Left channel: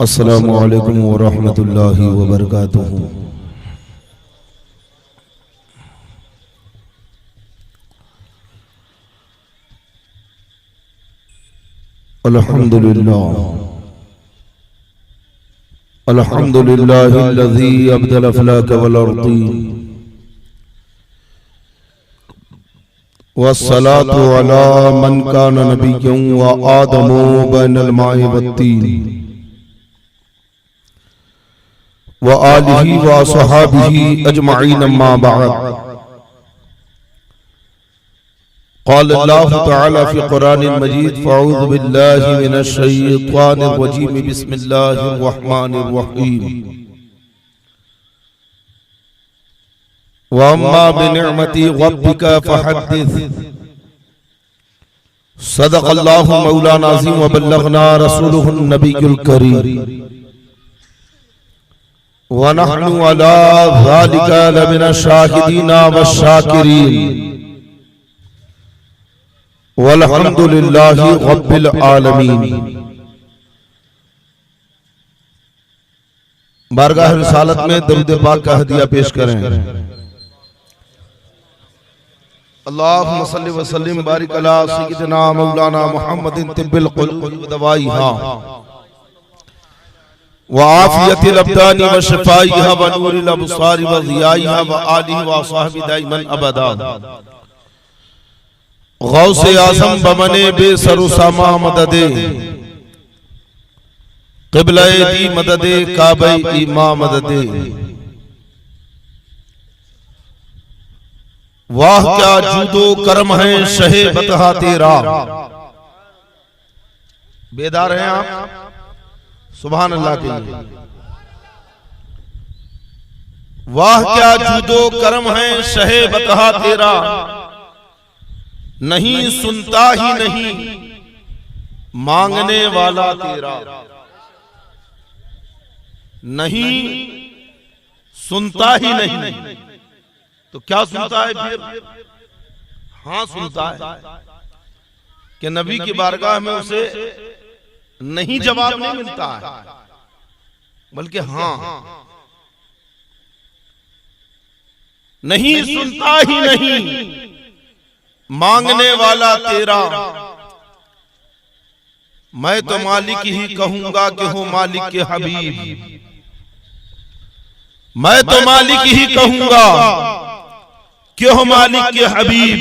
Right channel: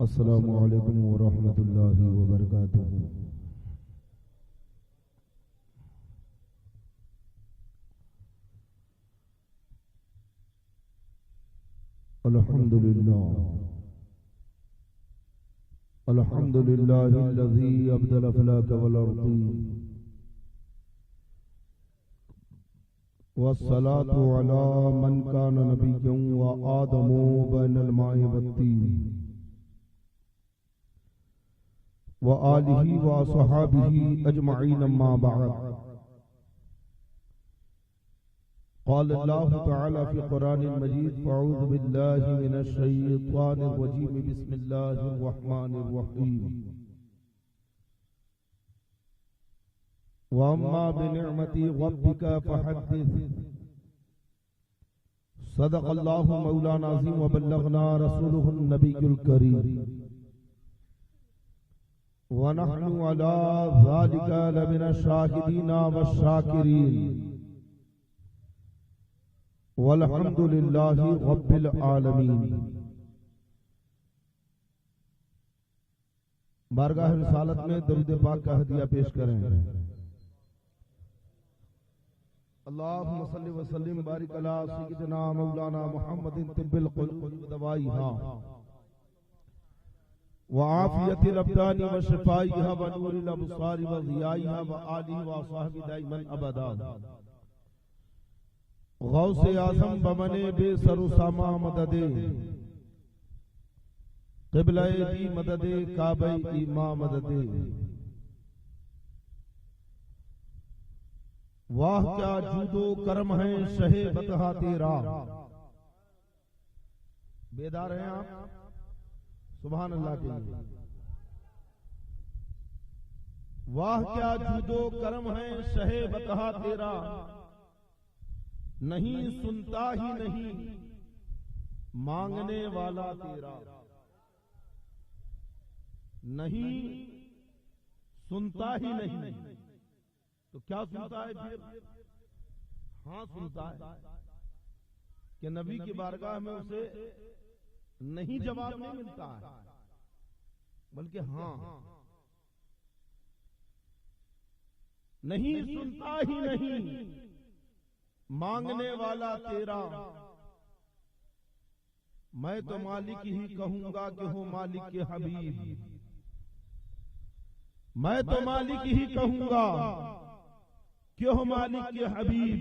अस्सलामु अलैकुम वरहमतुल्लाहि वबरकातुहू। अल्हम्दुलिल्लाह अल्हम्दुलिल्लाहिल्लज़ी अब्दल अफ़लाक वल अर्दी वस्सलातु अला मन कान नबिय्यन व आदमु बैनल माइ वत्तीन व आलिही व अस्हाबिही अजमईन अम्मा बअद। क़ाल अल्लाहु तआला फ़ी क़ुरानिल मजीद फ़अऊज़ु बिल्लाहि मिनश शैतानिर रजीम बिस्मिल्लाहिर रहमानिर रहीम। व अम्मा बिनिअमति रब्बिका फ़हद्दिस। सदक़ल्लाहु मौलाना अज़ीम व बल्लगना रसूलुहुन नबियुल करीम व नहनु अला ज़ालिका लमिनश शाहिदीन वश्शाकिरीन वल्हम्दुलिल्लाहि रब्बिल आलमीन। बारगाह रिसालत में दरूद पाक का हदिया पेश करें। अल्लाहुम्मा सल्लि व सल्लिम बारिक अला सय्यिदिना मौलाना मुहम्मदिन तिब्बिल क़ुलूब व दवाइहा व आफियतिल अब्दानी व शिफाइहा व नूरिल अबसारी व ज़ियाइहा व आलिहि व अस्हाबि दाइमन अबदा। गौसे आज़म बमने बेसर समा मददे क़िबला दी मददे काबे इमा मददे। वाह क्या जूदो करम है शहे बतहा तेरा। बेदार हैं आप? सुभान अल्लाह के लिए। वाह क्या जूदो करम है शहे बतहा तेरा, नहीं सुनता ही नहीं मांगने वाला तेरा। नहीं सुनता ही नहीं तो क्या सुनता है फिर? हाँ सुनता है कि नबी की बारगाह में उसे नहीं जवाब नहीं मिलता है, बल्कि हाँ। नहीं सुनता ही नहीं मांगने वाला तेरा, मैं तो मालिक ही कहूंगा कि हो मालिक के हबीब। मैं तो मालिक ही कहूंगा कि हो मालिक के हबीब,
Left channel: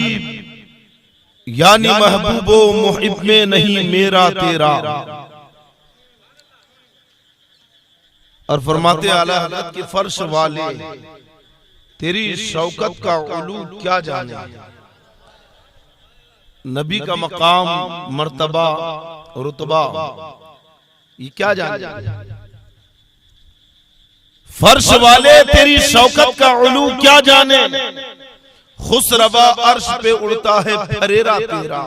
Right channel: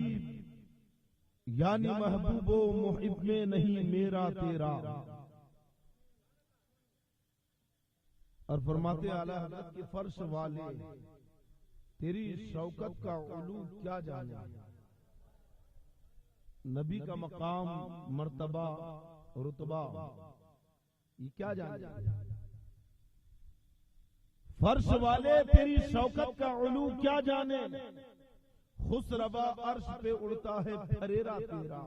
यानी महबूबो मुहिब में नहीं मेरा तेरा। और फरमाते आला हज़रत की फर्श वाले तेरी शौकत का उलू क्या जाने। नबी का मकाम मर्तबा रुतबा ये क्या जाने। फर्श वाले तेरी शौकत का उलू क्या जाने। खुसरवा अर्श पे उड़ता है फरेरा तेरा,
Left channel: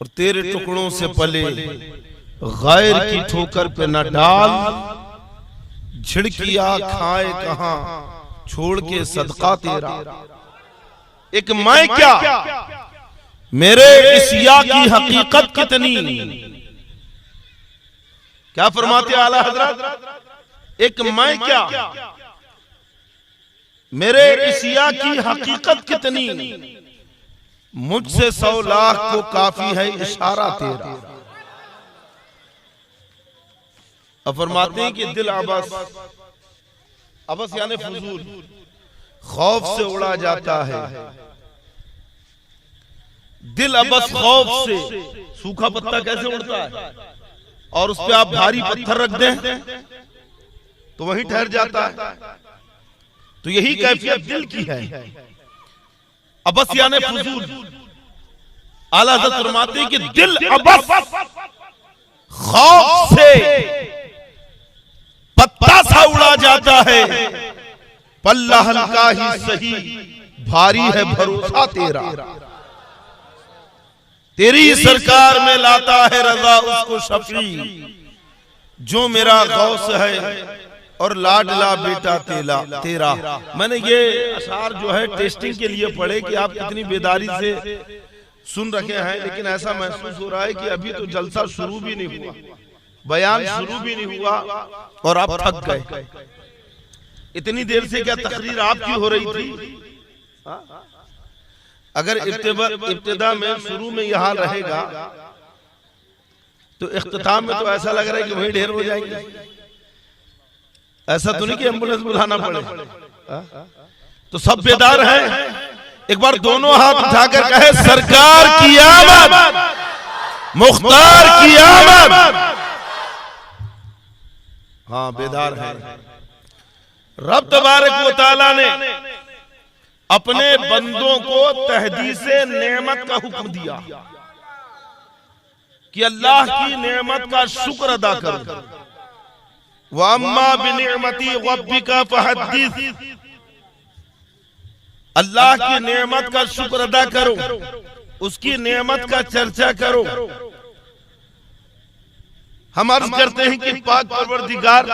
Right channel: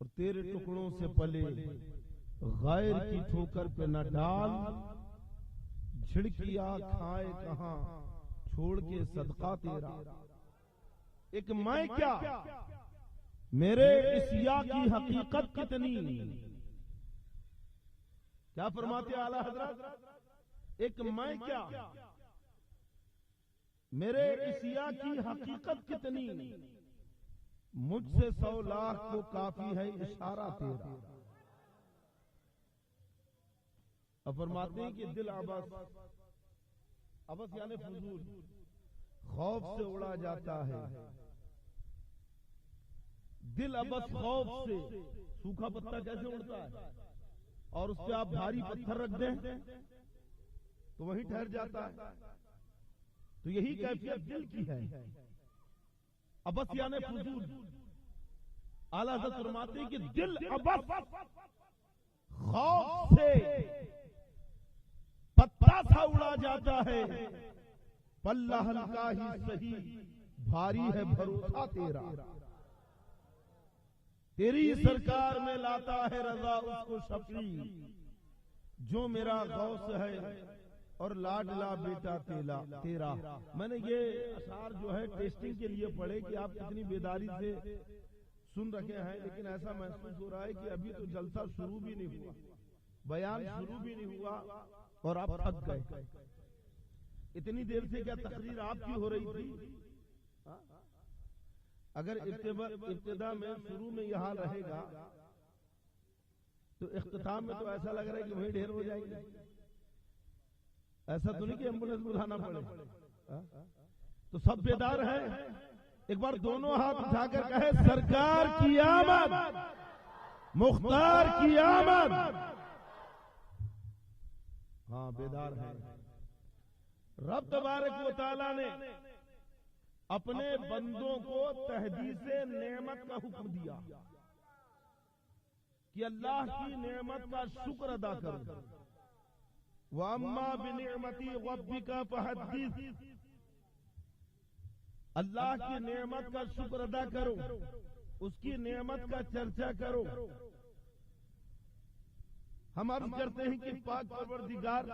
और तेरे टुकड़ों से पले गैर की ठोकर पे न डाल। झिड़किया खाए कहां छोड़ के सदका तेरा। एक मैं क्या मेरे इस या की हकीकत कितनी। क्या फरमाते आला हजरत? एक मैं क्या मेरे इस या की हकीकत कितनी। मुझसे 100 लाख को काफी है इशारा तेरा। अब फरमाते हैं कि दिल अबस, अबस यानी फजूल, खौफ से उड़ा जाता है। दिल अबस खौफ से, सूखा पत्ता कैसे उड़ता है और उस पे आप भारी पत्थर रख दें तो वहीं ठहर जाता है। तो यही कैफियत दिल की है। अबस यानी फजूल। आला हज़रत फरमाते हैं कि दिल अबस खौफ से पत्ता सा उड़ा जाता है। पल्ला हल्का ही सही भारी है भरोसा तेरा। तेरी सरकार में लाता है रजा उसको शफी, जो मेरा गौस है और लाडला बेटा तेरा। मैंने ये अशार जो है टेस्टिंग के लिए पढ़े कि आप कितनी बेदारी से सुन रखे हैं, लेकिन ऐसा महसूस हो रहा है कि अभी तो जलसा शुरू भी नहीं हुआ। बयान शुरू भी नहीं हुआ और आप थक गए। इतनी देर से क्या तकरीर आपकी हो रही थी? अगर इब्तिदा में शुरू में यहाँ रहेगा तो इख्तिताम में तो ऐसा लग रहा है कि वहीं ढेर हो जाएंगे। ऐसा तो नहीं कि एम्बुलेंस बुलाना पड़े। तो सब बेदार हैं? एक बार दोनों हाथ उठाकर कहे सरकार की आमद, मुख्तार की आमद। हाँ, बेदार है। रब तबारक व तआला ने अपने बंदों को तहदीसे नेमत का हुक्म दिया कि अल्लाह की नेमत का शुक्र अदा करो। वअम्मा बिनिअमति रब्बिका फहद्दिस, अल्लाह की नेमत का शुक्र अदा करो, उसकी नेमत का चर्चा करो। हम अर्ज करते हैं कि पाक परवरदिगार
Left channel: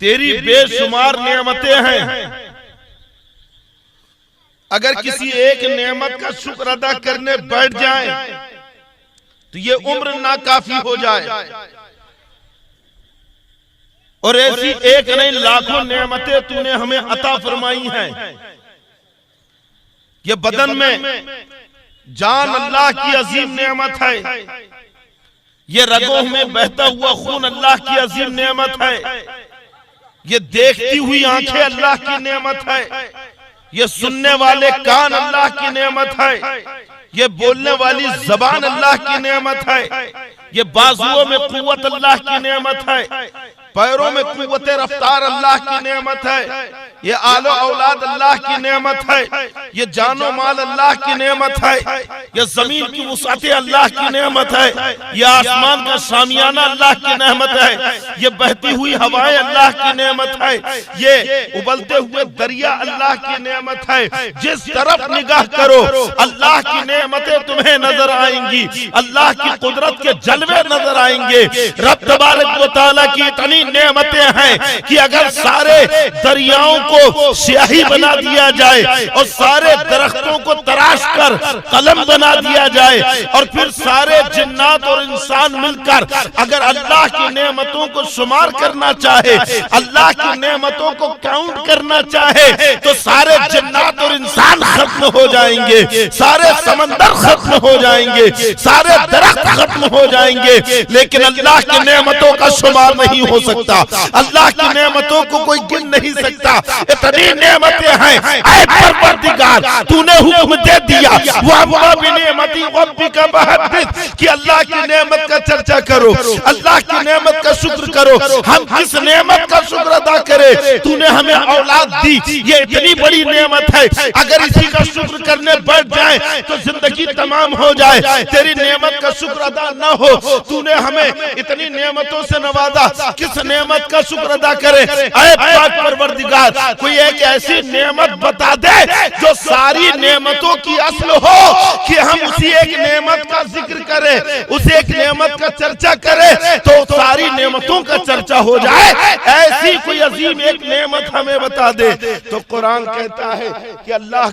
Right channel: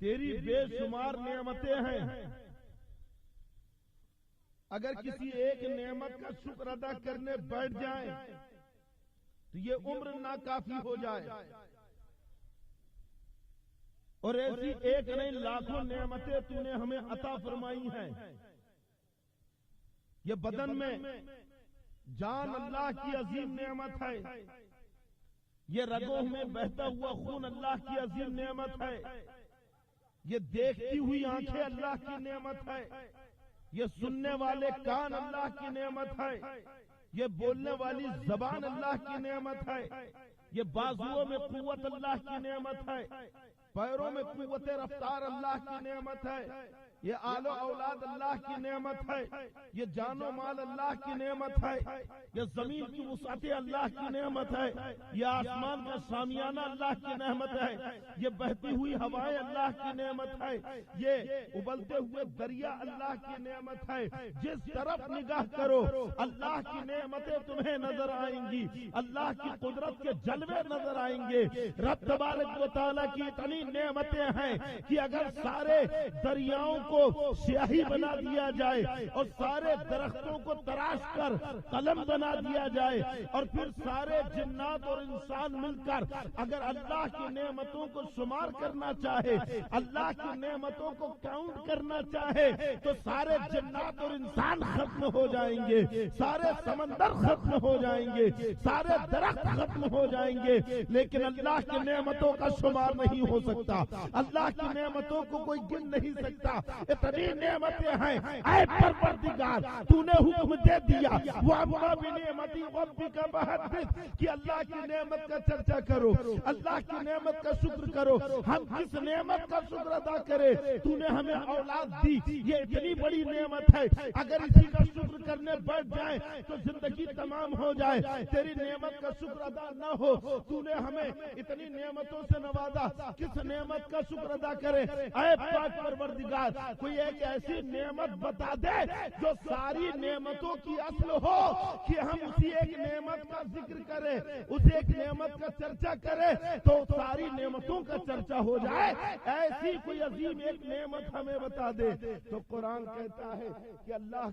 तेरी बेशुमार नेमतें हैं, अगर किसी एक नेमत का शुक्र अदा करने बैठ जाए तो ये उम्र नाकाफी हो जाए। और ऐसी एक नहीं लाखों नेमतें तूने हमें अता फरमाई हैं। ये बदन में जान अल्लाह की अजीम नेमत है, ये रगों में बहता हुआ खून अल्लाह की अजीम नेमत है, ये देखती हुई आंखें अल्लाह की नेमत है, ये सुनने वाले कान अल्लाह की नेमत है, ये बोलने वाली जबान अल्लाह की नेमत है, ये बाजुओं में कुव्वत अल्लाह की नेमत है, पैरों में कुव्वत रफ्तार अल्लाह की नेमत है, ये आलो औलाद अल्लाह की नेमत है, ये जानो माल अल्लाह की नेमत है, ये जमीन की वुसाते अल्लाह की नेमत है, ये आसमान का शामियाना अल्लाह की नेमत है, ये बहती हुई हवाएं अल्लाह की नेमत है, ये उबलते हुए दरिया अल्लाह की नेमत है। जिस तरफ निगाह करो अल्लाह की नेमतें तुम्हें नजर आएंगी, अल्लाह की कुदरत के जलवे नजर आएंगे। रब तबारक व तआला की इतनी नेमतें हैं कि अगर सारे दरियाओं को स्याही बना दिया जाए और सारे दरख्तों को तराश कर कलम बना दिया जाए और फिर सारे जिन्नात और इंसान मिलकर अगर अल्लाह की नेमतों को शुमार करना चाहे, अल्लाह की नेमतों को काउंट करना चाहे, तो सारे जिन्नात और इंसान खत्म हो जाएंगे, सारे समंदर खत्म हो जाएंगे, सारे दरख्त खत्म हो जाएंगे, लेकिन अल्लाह की नेमतों का शुमार नहीं हो सकता। अल्लाह की नेमतों को कोई गिन नहीं सकता। इतनी नेमतें हैं ऐ परवरदिगार, तूने हुक्म दे दिया वअम्मा बिनिअमति रब्बिका फहद्दिस कि अल्लाह की नेमत का चर्चा करो, अल्लाह की नेमत का शुक्र करो। हम किस नेमत का शुक्र अदा करें? तूने हमें औलाद दी, ये इतनी बड़ी नेमत है, अगर इसी का शुक्र करने बैठ जाए तो जिंदगी तमाम हो जाए। तेरी नेमत का शुक्र अदा न हो, तूने हमें इतनी नेमतों से नवाजा, किस नेमत का शुक्र अदा करे? ऐ पाक परवरदिगार, कोई एक ऐसी नेमत बता दे जो सारी नेमतों की असल हो कि हम उसी एक नेमत का जिक्र करें, उस एक नेमत का चर्चा करें तो सारी नेमतों का चर्चा हो जाए। ऐसी कोई अजीम एक नेमत हमें बता दे। तो कुरान कहता है कि अल्लाह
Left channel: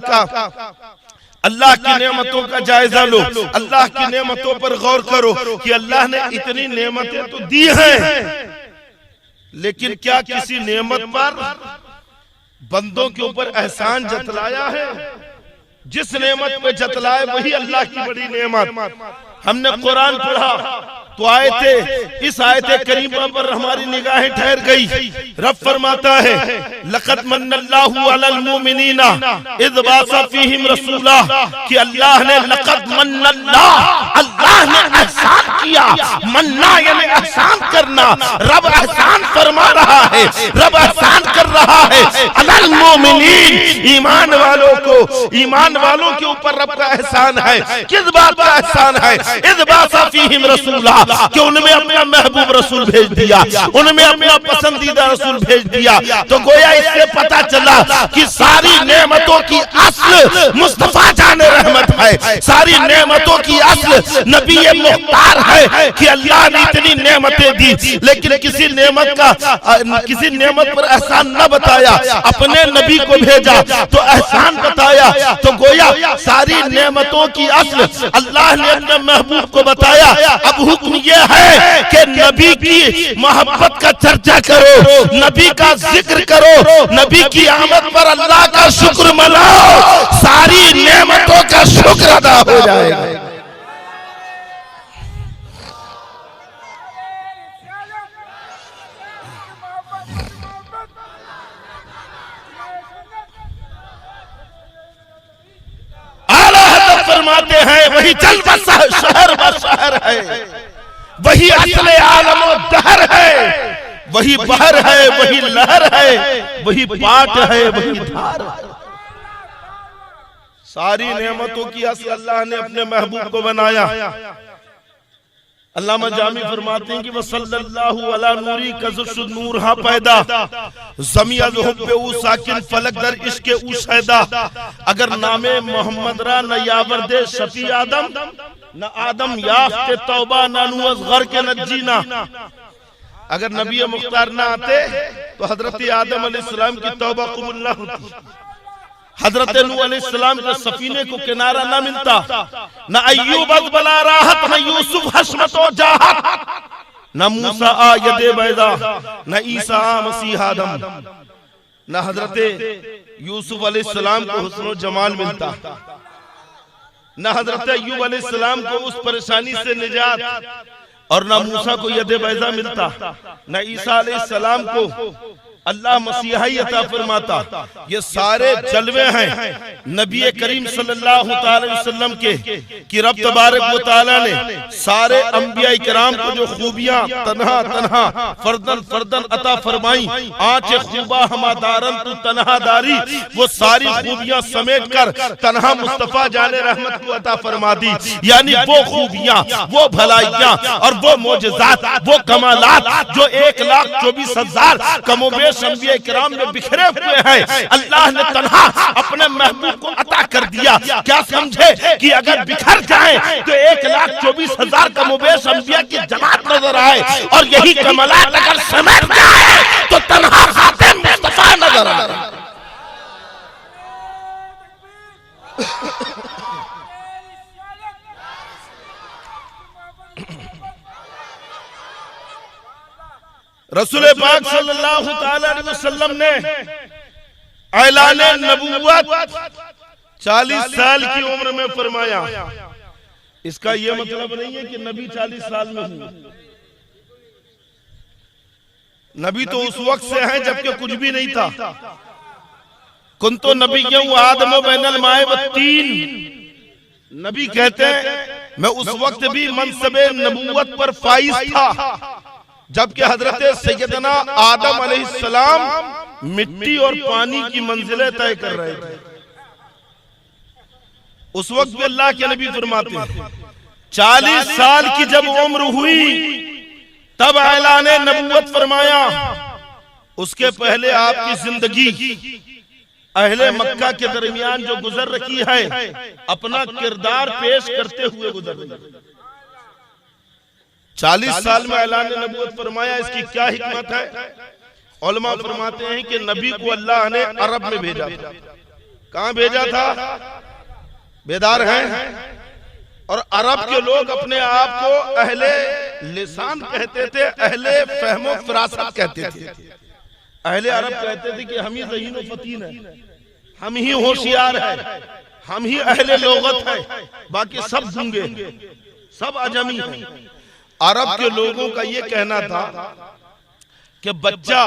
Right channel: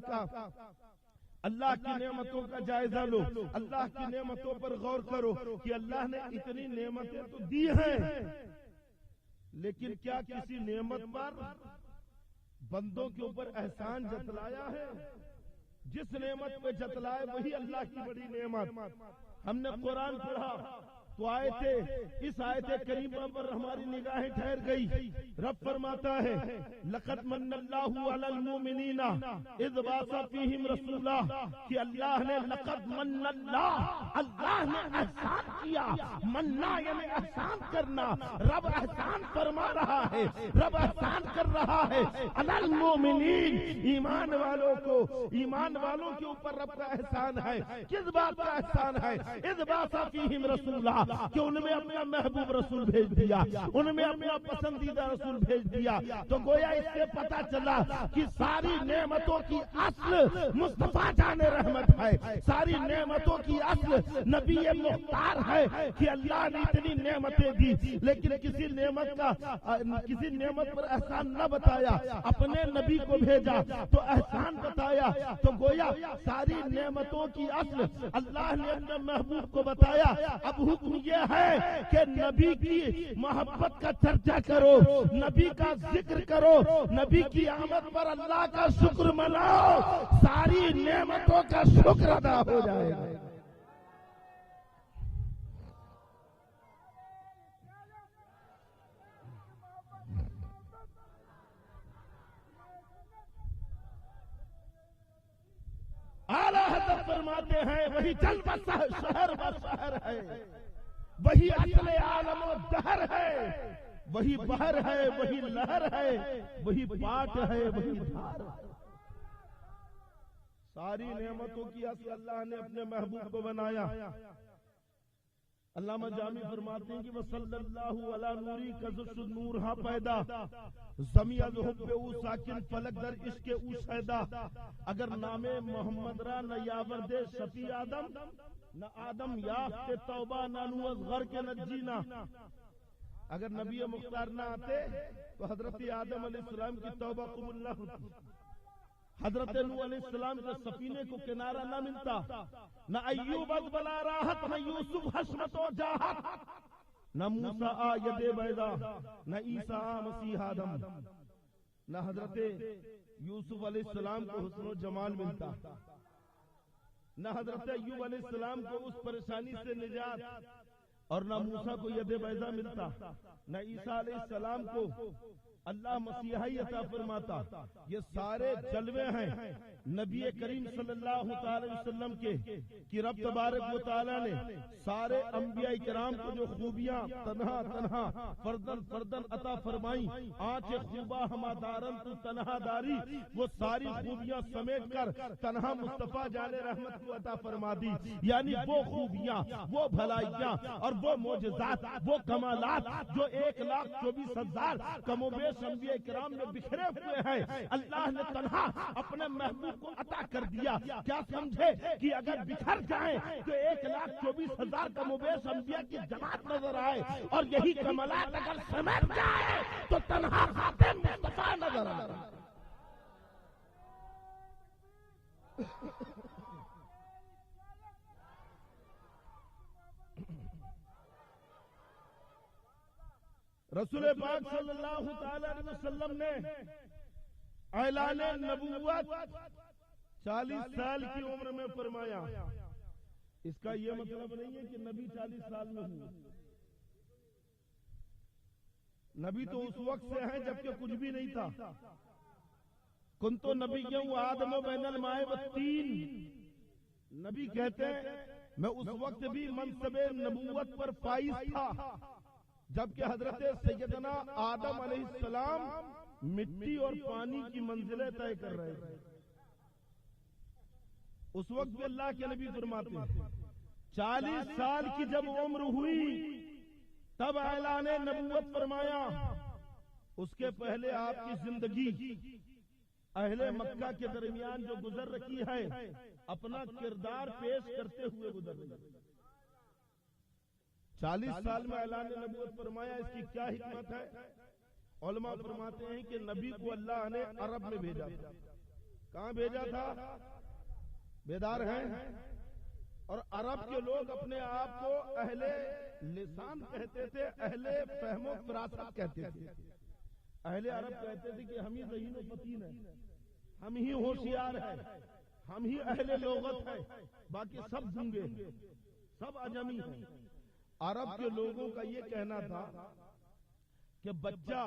की नेमतों का जायजा लो, अल्लाह की नेमतों पर गौर करो कि अल्लाह ने इतनी नेमतें तो दी हैं, लेकिन क्या किसी नेमत पर बंदों के ऊपर एहसान जतलाया है? जिस नेमत पे जतलाए वही अल्लाह की बड़ी नेमत। हमने कुरान पढ़ा तो आयते इस आयते करीमा पर हमारी निगाहें ठहर गई। रब फरमाता है लक़द मन्नल्लाहु अलल मुमिनीना इज़ बासा फीहिम रसूला, कि अल्लाह ने लक़द मन्नल्लाह, अल्लाह ने एहसान किया। मन्ना यानी एहसान करना। रब एहसान फरमा रहा है, रब एहसान कर रहा है अलल मुमिनीन, ईमान वालों को, ईमान वालों के ऊपर रब का एहसान है। किस बात का एहसान है? इज़ बासा फीहिम रसूला, कि उनमें अपना महबूब रसूल भेज दिया, उनमें अपना पसंदीदा रसूल भेज दिया। तो गोया इससे पता चला कि सारी नेमतों की असल मुस्तफा जाने रहमत है, सारी नेमतों की असल नबी मुख्तार है कि अल्लाह ने इतनी नेमतें दी, लेकिन किसी नेमत पर एहसान न बताया, अपने नबी को भेजा तो एहसान बताया। फरमाया। तो गोया सारी नेमतों की असल अल्लाह ने अपने महबूब को बताया। अब हुक्म ये है कि नबी की मोहब्बत का चर्चा करो, नबी का जिक्र करो, नबी की आमद पर अल्लाह का शुक्र मनाओ, सारी नेमतों का शुक्र अदा हो जाएगा। फरमाते हैं वही जल शहर व शहर है, वही असले आलम व दहर है, वही बहर है, वही लहर है, वही पाट है, वही धार है। सारी नेमतों की असल अल्लाह ने अपने महबूब को बनाया। अल्लामा जामी फरमाते हैं कि वह सल्लल्लाहु अला नूरी कज़ुशुद नूर हा पैदा ज़मिया ज़ुहुब्बे उ साकिन फलक दर इश्क़े उ शैदा। अगर नामे मोहम्मद रा न यावर दे शफी आदम न आदम याफ्ते तौबा न नुअज़ घर के नजीना। अगर नबी मुख्तार ना आते तो हजरत आदम अलैहिस्सलाम की तौबा कबूल न होती, हजरत नूह अलैहिस्सलाम के सफीने को किनारा न मिलता, न अय्यूब बला राहत, न यूसुफ हशमतो जाहत, न मूसा आ यदे बैदा, न ईसा आ मसीह आदम, न हजरत यूसुफ अलैहिस्सलाम को हुस्न जमाल मिलता, न हजरत अय्यूब अलैहिस्सलाम को उस परेशानी से निजात, और न मूसा को यदे बैदा मिलता, न ईसा अलैहिस्सलाम को अल्लाह मसीहा ही अता फरमाता। ये सारे जलवे हैं नबी करीम सल्लल्लाहु अलैहि वसल्लम के कि रब तबारक व तआला ने सारे अंबिया इकराम को जो खूबियां तन्हा तन्हा फर्दन फर्दन अता फरमाई, आंचे खूबा हमादारन तू तन्हा दारी, वो सारी खूबियां समेट कर तन्हा मुस्तफा जाने रहमत को अता फरमा दी। यानी वो खूबियां, वो भलाइयां और वो मोजज़ात, वो कमालात जो 1,24,000 कमोबेश अंबिया किराम में बिखरे हुए हैं, अल्लाह ने तन्हा अपने महबूब को अता कर दिया। क्या समझे कि अगर बिखर जाए तो 1,24,000 कमोबेश अंबिया की जमात नजर आए, और यही कमालात अगर समेट जाए तो तन्हा खातिम मुस्तफा नजर आए। रसूल पाक सल्लल्लाहु अलैहि वसल्लम ने ऐलान नबूवत 40 साल की उम्र में फरमाया। इसका यह मतलब नहीं है कि नबी 40 साल में हुए, नबी तो उस वक्त से हैं जबकि कुछ भी नहीं था। कुंतो नबिय्युन व आदम बैनल माए व तीन, नबी कहते हैं मैं उस वक्त भी मनसबे नबूवत पर फाइज था जबकि हजरत सैयदना आदम अलैहिस्सलाम मिट्टी और पानी की मंजिलें तय कर रहे थे। उस वक्त भी अल्लाह के नबी फरमाते हैं 40 साल की जब उम्र हुई तब ऐलान नबूवत फरमाया। उसके पहले आपकी जिंदगी अहले मक्का के दरमियान जो गुजर रखी है, अपना किरदार पेश करते हुए गुजर रही है। 40 साल में ऐलान नबूवत फरमाया। इसकी क्या हिकमत है? उलमा फरमाते हैं कि नबी को अल्लाह ने अरब में भेजा था। कहां भेजा था? बेदार हैं। और अरब के लोग अपने आप को अहले लिसान कहते थे, अहले फहमो फिरासत कहते थे। अहले अरब कहते थे कि हम ही ज़हीन व फतीन है, हम ही होशियार है, हम ही अहले लोगत है, बाकी सब गूंगे, सब अजमी है। अरब के लोगों का ये कहना था कि बच्चा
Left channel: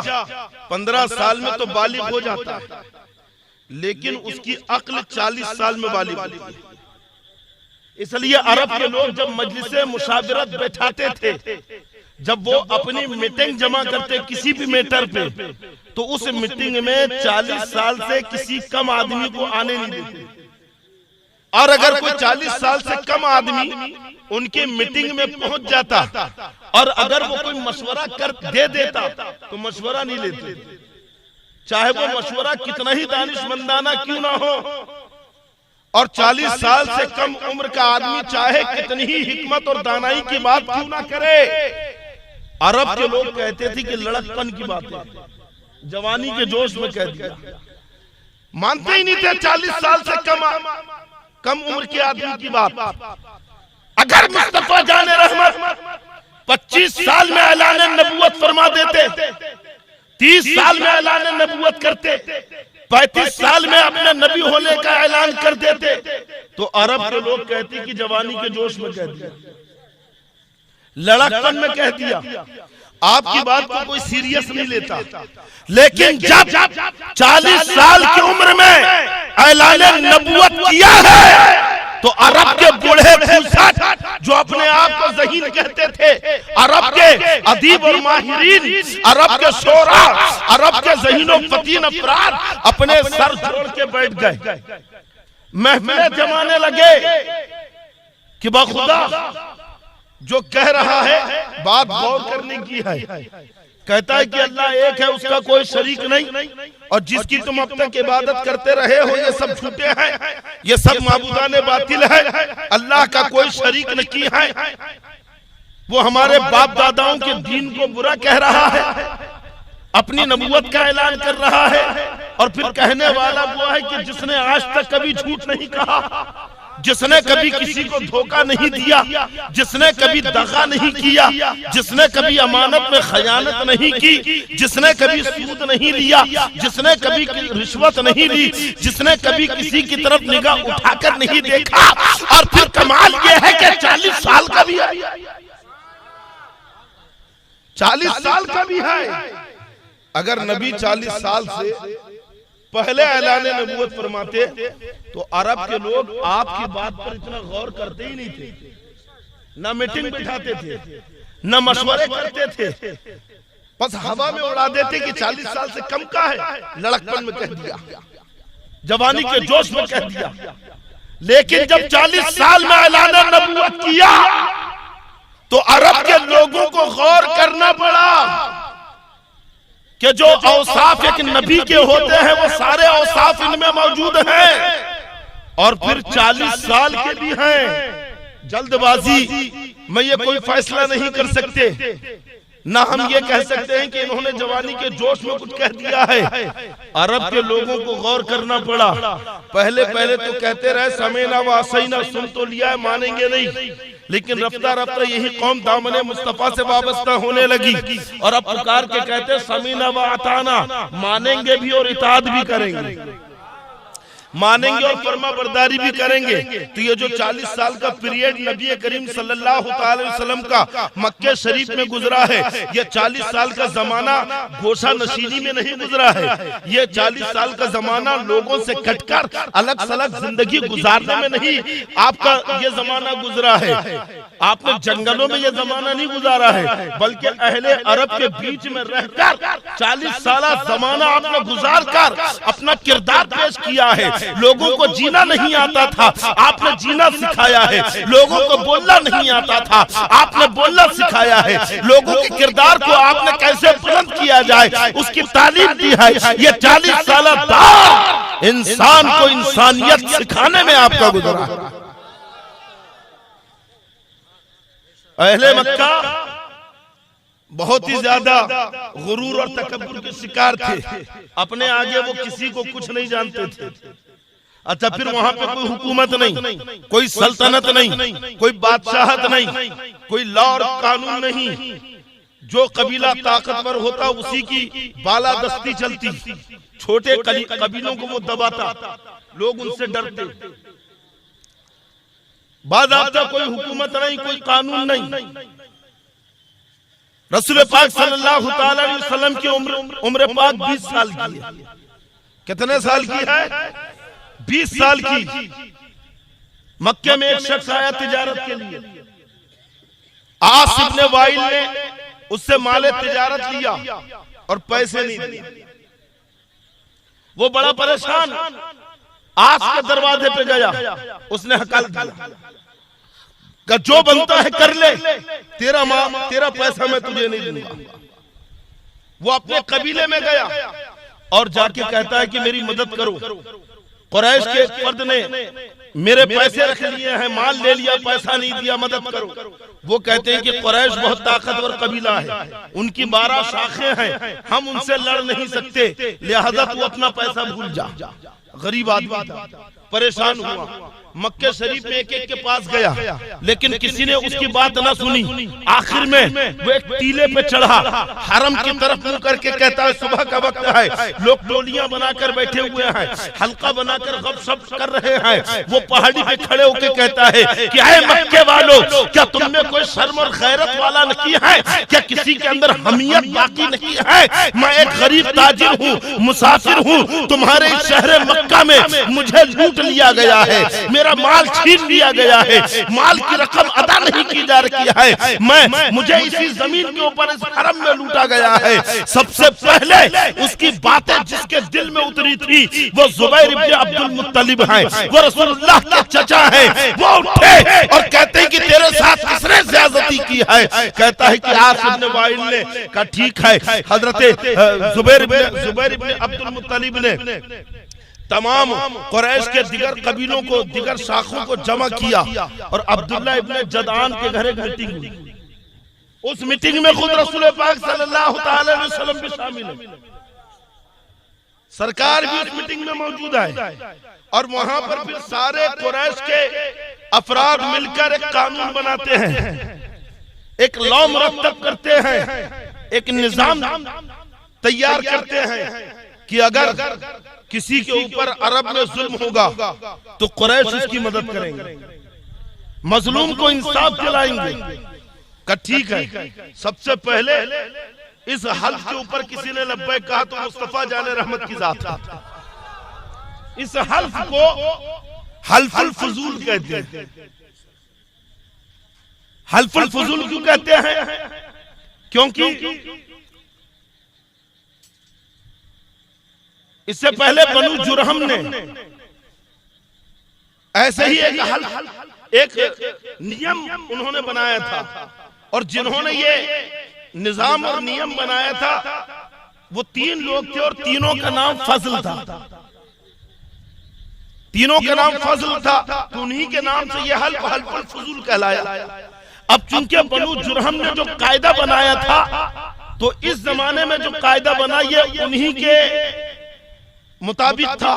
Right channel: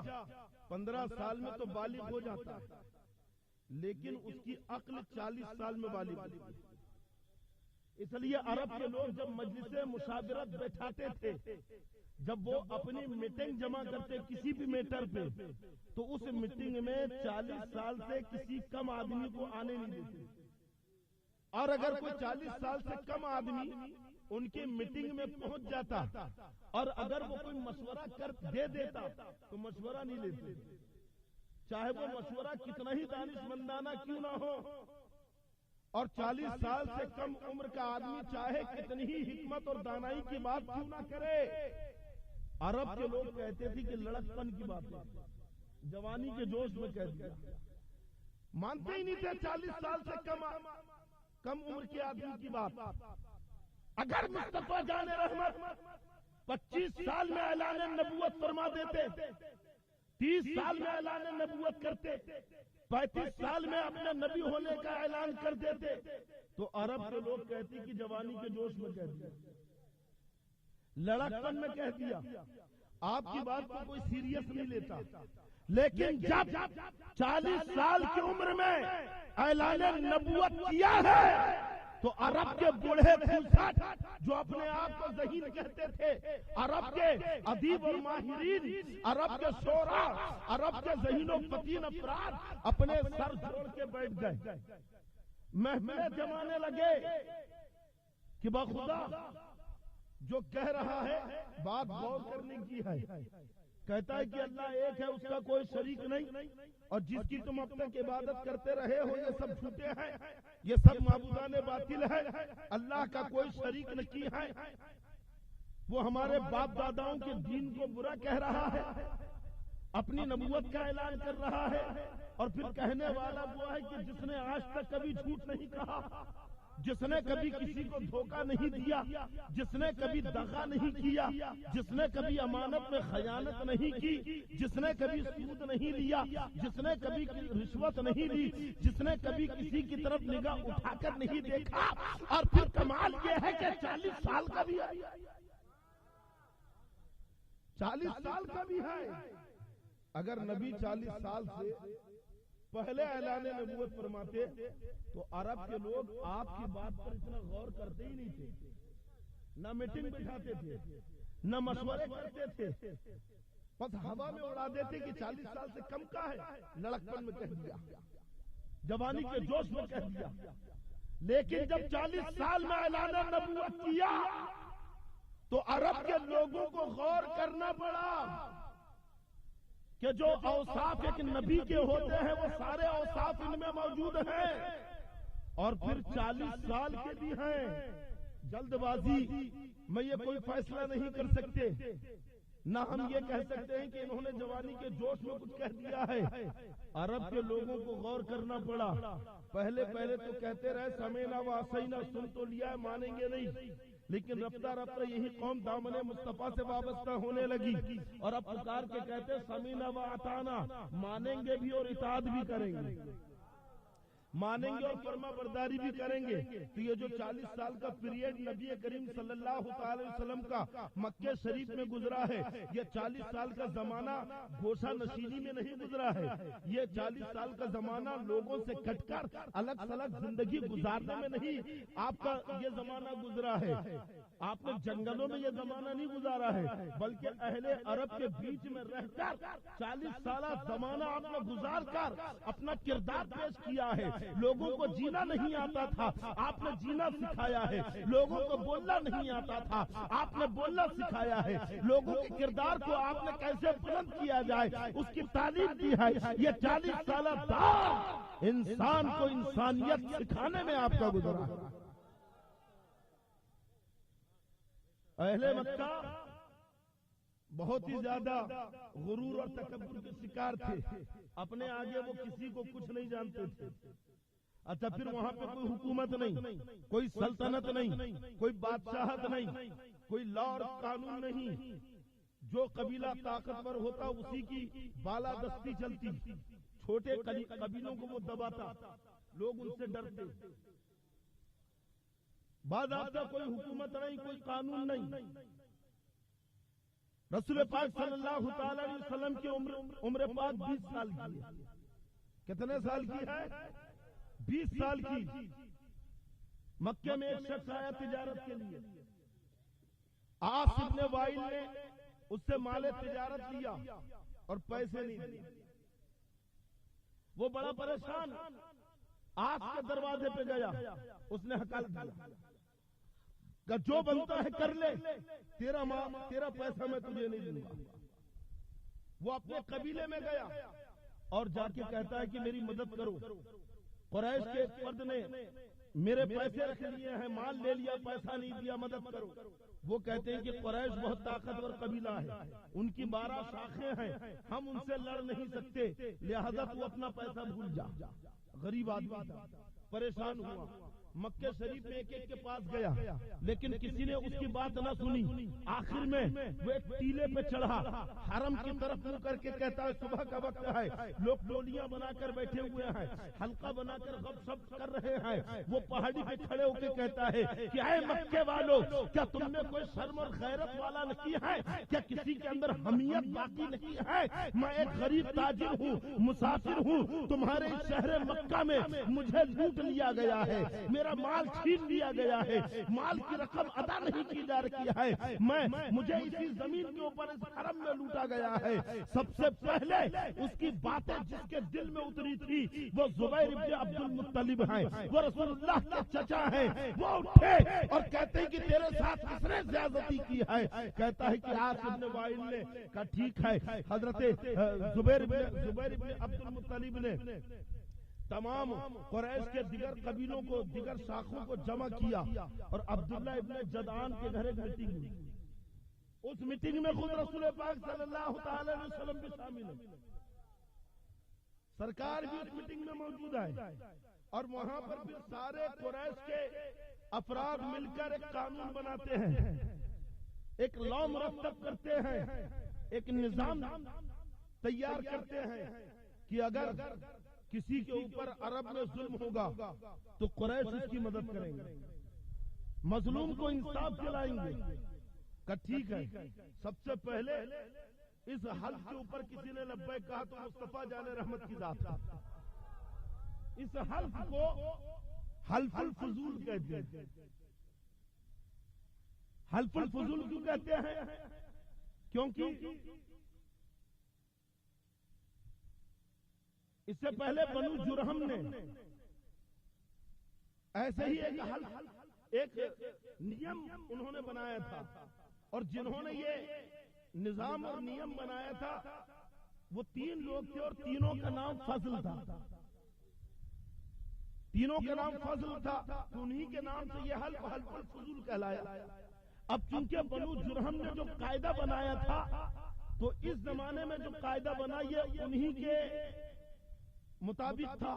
15 साल में तो बालिग हो जाता है, लेकिन उसकी अक्ल 40 साल में बालिग होती है। इसलिए अरब के लोग जब मजलिसे मुशावरत बैठाते थे, जब वो अपनी मीटिंग जमा करते किसी भी मैटर पे, तो उस मीटिंग में 40 साल से किसी कम आदमी को आने नहीं देते। और अगर कोई 40 साल से कम आदमी उनकी मीटिंग में पहुंच जाता और अगर वो कोई मशवरा कर दे देता तो मशवरा नहीं लेते, चाहे वो मशवरा कितना ही दानिशमंदाना क्यों ना हो। और 40 साल से कम उम्र का आदमी चाहे कितनी ही हिकमत और दानाई की बात क्यों ना करे। अरब के लोग कहते थे कि लड़कपन की बात है, जवानी के जोश में कह दिया। मानते ही नहीं थे 40 साल से कम उम्र के आदमी की बात। अगर मुस्तफा जाने रहमत 25 साल में ऐलान नबूवत फरमा देते, 30 साल में ऐलान नबूवत करते, 35 साल में अपने नबी होने का ऐलान कर देते, तो अरब के लोग कहते कि जवानी के जोश में कह दिया, लड़कपन में कह दिया, आपकी बात को कोई सीरियस नहीं लेता। लेकिन जब 40 साल की उम्र में ऐलान नबूवत किया है, तो अरब के बूढ़े फुसत जो अपने आप को ज़हीन कहते थे, अरब के अदीब और माहिरीन, अरब के शोरा, अरब के ज़हीनो फतीन अफराद अपने सर जोड़ के बैठ गए, महफिलें जमाने लगे कि बाखुदा जो कह रहा है बात गौर करने की है। कहता है कि अल्लाह एक है, उसका कोई शरीक नहीं, और जिसकी तुम अब तक इबादत करते रहे हो ये सब झूठे हैं, ये सब माबूदाने बातिल है, अल्लाह का कोई शरीक नहीं है। वो हमारे बाप दादाओं के दीन को बुरा कह रहा है, अपनी नबूवत का ऐलान कर रहा है, और फिर कहने वाला वो है कि जिसने आज तक कभी झूठ नहीं कहा, जिसने कभी किसी को धोखा नहीं दिया, जिसने कभी दगा नहीं किया, जिसने कभी अमानत में खयानत नहीं की, जिसने कभी सूद नहीं लिया, जिसने कभी रिश्वत नहीं ली, जिसने कभी किसी की तरफ निगाह उठाकर नहीं देखा, और फिर कमाल ये है कि 40 साल का भी है, 40 साल का भी है। अगर नबी 40 साल से पहले ऐलान नबूवत फरमाते तो अरब के लोग आपकी बात पर इतना गौर करते ही नहीं थे, ना मीटिंग बिठाते थे, ना मशवरे करते थे, बस हवा में उड़ा देते कि 40 साल से कम का है, लड़कपन में कह दिया, जवानी के जोश में कह दिया। लेकिन जब 40 साल में ऐलान नबूवत किया तो अरब के लोगों को गौर करना पड़ा कि जो औसाफ एक नबी के होते हैं वो सारे औसाफ इनमें मौजूद हैं, और फिर 40 साल के भी हैं। जल्दबाजी में ये कोई फैसला नहीं कर सकते, ना हम ये कह सकते हैं कि इन्होंने जवानी के जोश में कुछ कह दिया है। अरब के लोगों को गौर करना पड़ा। पहले तो कहते रहे समेना व असैना, सुन तो लिया है, मानेंगे नहीं, लेकिन रफ्ता रफ्ता यही कौम दामने मुस्तफा से वाबस्ता होने लगी, और अब पुकार के कहते समीना व अताना, मानेंगे भी और इताअत भी करेंगे, मानेंगे और फरमा बरदारी भी करेंगे। तो ये जो 40 साल का पीरियड नबी करीम सल्लल्लाहु अलैहि वसल्लम का मक्के शरीफ में गुजरा है, ये 40 साल का जमाना गोशा नशीनी में नहीं गुजरा है, ये 40 साल का जमाना लोगों से कटकर अलग सलग जिंदगी गुजारने में नहीं आपका ये जमाना गुजरा है। आपने जंगलों में ये जमाना नहीं गुजारा है, बल्कि अहले अरब के बीच में रहकर 40 साल जमाना आपने गुजार कर अपना किरदार पेश किया है। लोगों को जीना नहीं आता था, आपने जीना सिखाया है। लोगों को बोलना नहीं आता था, आपने बोलना सिखाया है। लोगों के किरदार को आपने कैसे बुलंद किया जाए उसकी तालीम दी है। ये 40 साल दौर इंसान को इंसानियत सिखाने में आपका गुजरा है। अहले मक्का बहुत ही ज्यादा गुरूर और तकब्बुर के शिकार थे, अपने आगे वो किसी को कुछ नहीं जानते थे। अच्छा, फिर वहां पे कोई हुकूमत नहीं, कोई सल्तनत नहीं, कोई बादशाहत नहीं, कोई लॉ और कानून नहीं। जो कबीला ताकतवर होता उसी की बालादस्ती चलती, छोटे कबीलों को वो दबाता, लोग उनसे डरते। बाज़ाब्ता कोई हुकूमत नहीं, कोई कानून नहीं। रसूल पाक सल्लल्लाहु अलैहि वसल्लम की उम्र पाक 20 साल की है। कितने साल की है? 20 साल की। मक्के में एक शख्स आया तिजारत के लिए, आस इब्ने वाइल ने उससे माले तिजारत लिया और पैसे नहीं दिए। वो बड़ा परेशान आस के दरवाजे पे गया, उसने हकाल दिया कि जो बनता है कर ले, तेरा पैसा मैं तुझे नहीं दूंगा। वो अपने कबीले में गया और जाके कहता है कि मेरी मदद करो। कुरैश के एक फर्द ने मेरे पैसे रख लिए हैं, माल ले लिया, पैसा नहीं दिया, मदद करो। वो कहते हैं कि कुरैश बहुत ताकतवर कबीला है, उनकी 12 शाखें हैं, हम उनसे लड़ नहीं सकते, लिहाजा तू अपना पैसा भूल जा। गरीब आदमी था, परेशान हुआ, मक्के शरीफ में एक एक के पास गया, लेकिन किसी ने उसकी बात ना सुनी। आखिर में वो एक टीले पे चढ़ा, हरम की तरफ मुंह करके कहता है सुबह का वक्त है, लोग टोलियां बनाकर बैठे हुए हैं, हल्का बनाकर गपशप कर रहे हैं। वो पहाड़ी पे खड़े होकर कहता है कि आए मक्के वालों, क्या तुमने कोई शर्म और गैरत वाला नहीं है? क्या किसी के अंदर हमियत बाकी नहीं है? मैं एक गरीब ताजिर हूँ, मुसाफिर हूँ, तुम्हारे इस शहर मक्का में मुझे लूट लिया गया है, मेरा माल छीन लिया गया है, माल की रकम अदा नहीं की जा रही है, मुझे इसी जमीन के ऊपर इस हरम में लूटा गया है। सबसे पहले उसकी बातें जिसके दिल में उतरी थी वो जुबैर इब्न अब्दुल मुत्तलिब हैं, वो रसूलुल्लाह के चचा हैं। वो उठे और कहते हैं कि तेरे साथ किसने ज्यादती की है? कहता है कि आस इब्न वाइल ने। कहा ठीक है। हजरत जुबैर इब्न अब्दुल मुत्तलिब ने तमाम कुरैश के दिगर कबीलों को, दिगर शाखों को जमा किया और अब्दुल्ला इब्न जदान के घर एक मीटिंग हुई। उस मीटिंग में खुद रसूल पाक सल्लल्लाहु अलैहि वसल्लम भी शामिल है, सरकार भी उस मीटिंग में मौजूद है। और वहां पर फिर सारे कुरैश के अफराद मिलकर एक कानून बनाते हैं, एक लॉ मुरतब करते हैं, एक निजाम तैयार करते हैं कि अगर किसी के ऊपर अरब में जुल्म होगा तो कुरैश उसकी मदद करेंगे, मजलूम को इंसाफ दिलाएंगे। का ठीक है। सबसे पहले इस हल्फ के ऊपर किसी ने लब्बैक कहा तो मुस्तफा जाने रहमत की जात है। इस हल्फ को हल्फुल फजूल कहते हैं। हल्फुल फजूल क्यों कहते हैं? क्योंकि इससे पहले बनु जुरहम ने ऐसे ही एक नियम उन्होंने बनाया था, और जिन्होंने ये निजाम और नियम बनाया था वो 3 लोग थे और तीनों का नाम फजल था। तीनों का नाम फजल था, तो उन्हीं के नाम से ये हल्फुल फजूल कहलाया। अब चूंकि बनु जुरहम ने जो कायदा बनाया था, तो इस जमाने में जो कायदा बना ये उन्हीं के मुताबिक था,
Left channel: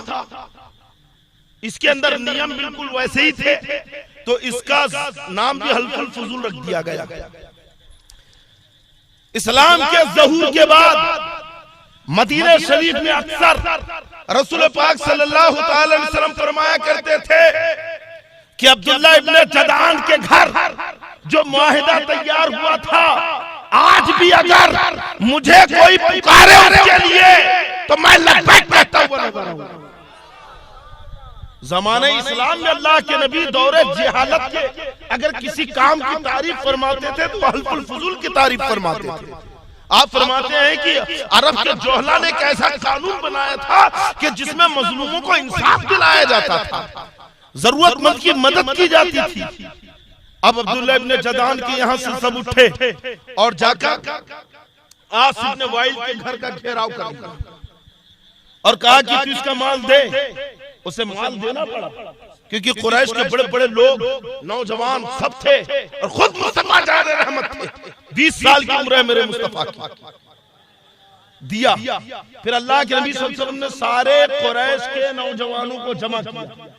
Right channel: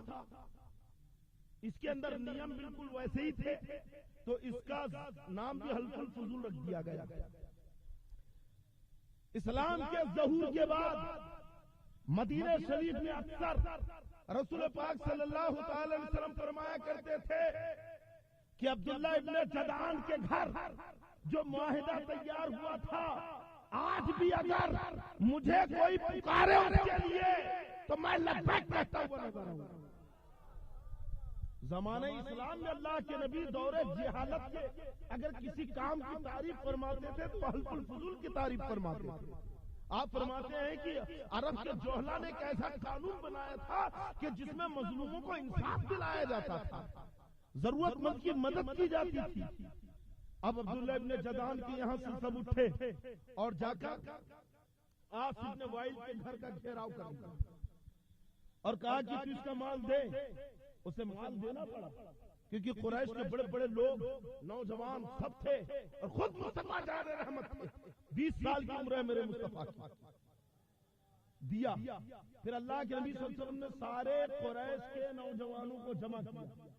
इसके अंदर नियम बिल्कुल वैसे ही थे, तो इसका नाम भी हल्फुल फजूल रख दिया गया। इस्लाम के ज़हूर के बाद मदीना शरीफ में अक्सर रसूल पाक सल्लल्लाहु अलैहि वसल्लम फरमाया करते थे कि अब्दुल्ला इब्न जदान के घर जो मुआहिदा तैयार हुआ था, आज भी अगर मुझे कोई पुकारे उसके लिए तो मैं लब्बैक कहता हुआ नजर आऊंगा। ज़माने इस्लाम में अल्लाह के नबी दौरे जिहालत के अगर किसी काम की तारीफ फरमाते थे तो हल्फुल फजूल की तारीफ फरमाते थे। आप फरमाते हैं कि अरब के जोहला ने एक ऐसा कानून बनाया था कि जिसमें मजलूमों को इंसाफ दिलाया जाता था, जरूरतमंद की मदद की जाती थी। अब अब्दुल्ला इब्न जदान के यहाँ से सब उठे और जाकर आस इब्न वाइल के घर का घेराव कर दिया और कहा कि तू इसका माल दे। उसे माल देना पड़ा क्योंकि कुरैश के बड़े बड़े लोग, नौजवान सब थे और खुद मुस्तफा जाने रहमत थे। 20 साल की उम्र है मेरे मुस्तफा की। दिया। फिर अल्लाह के नबी सल्लल्लाहु अलैहि वसल्लम ने सारे कुरैश के नौजवानों को जमा किया।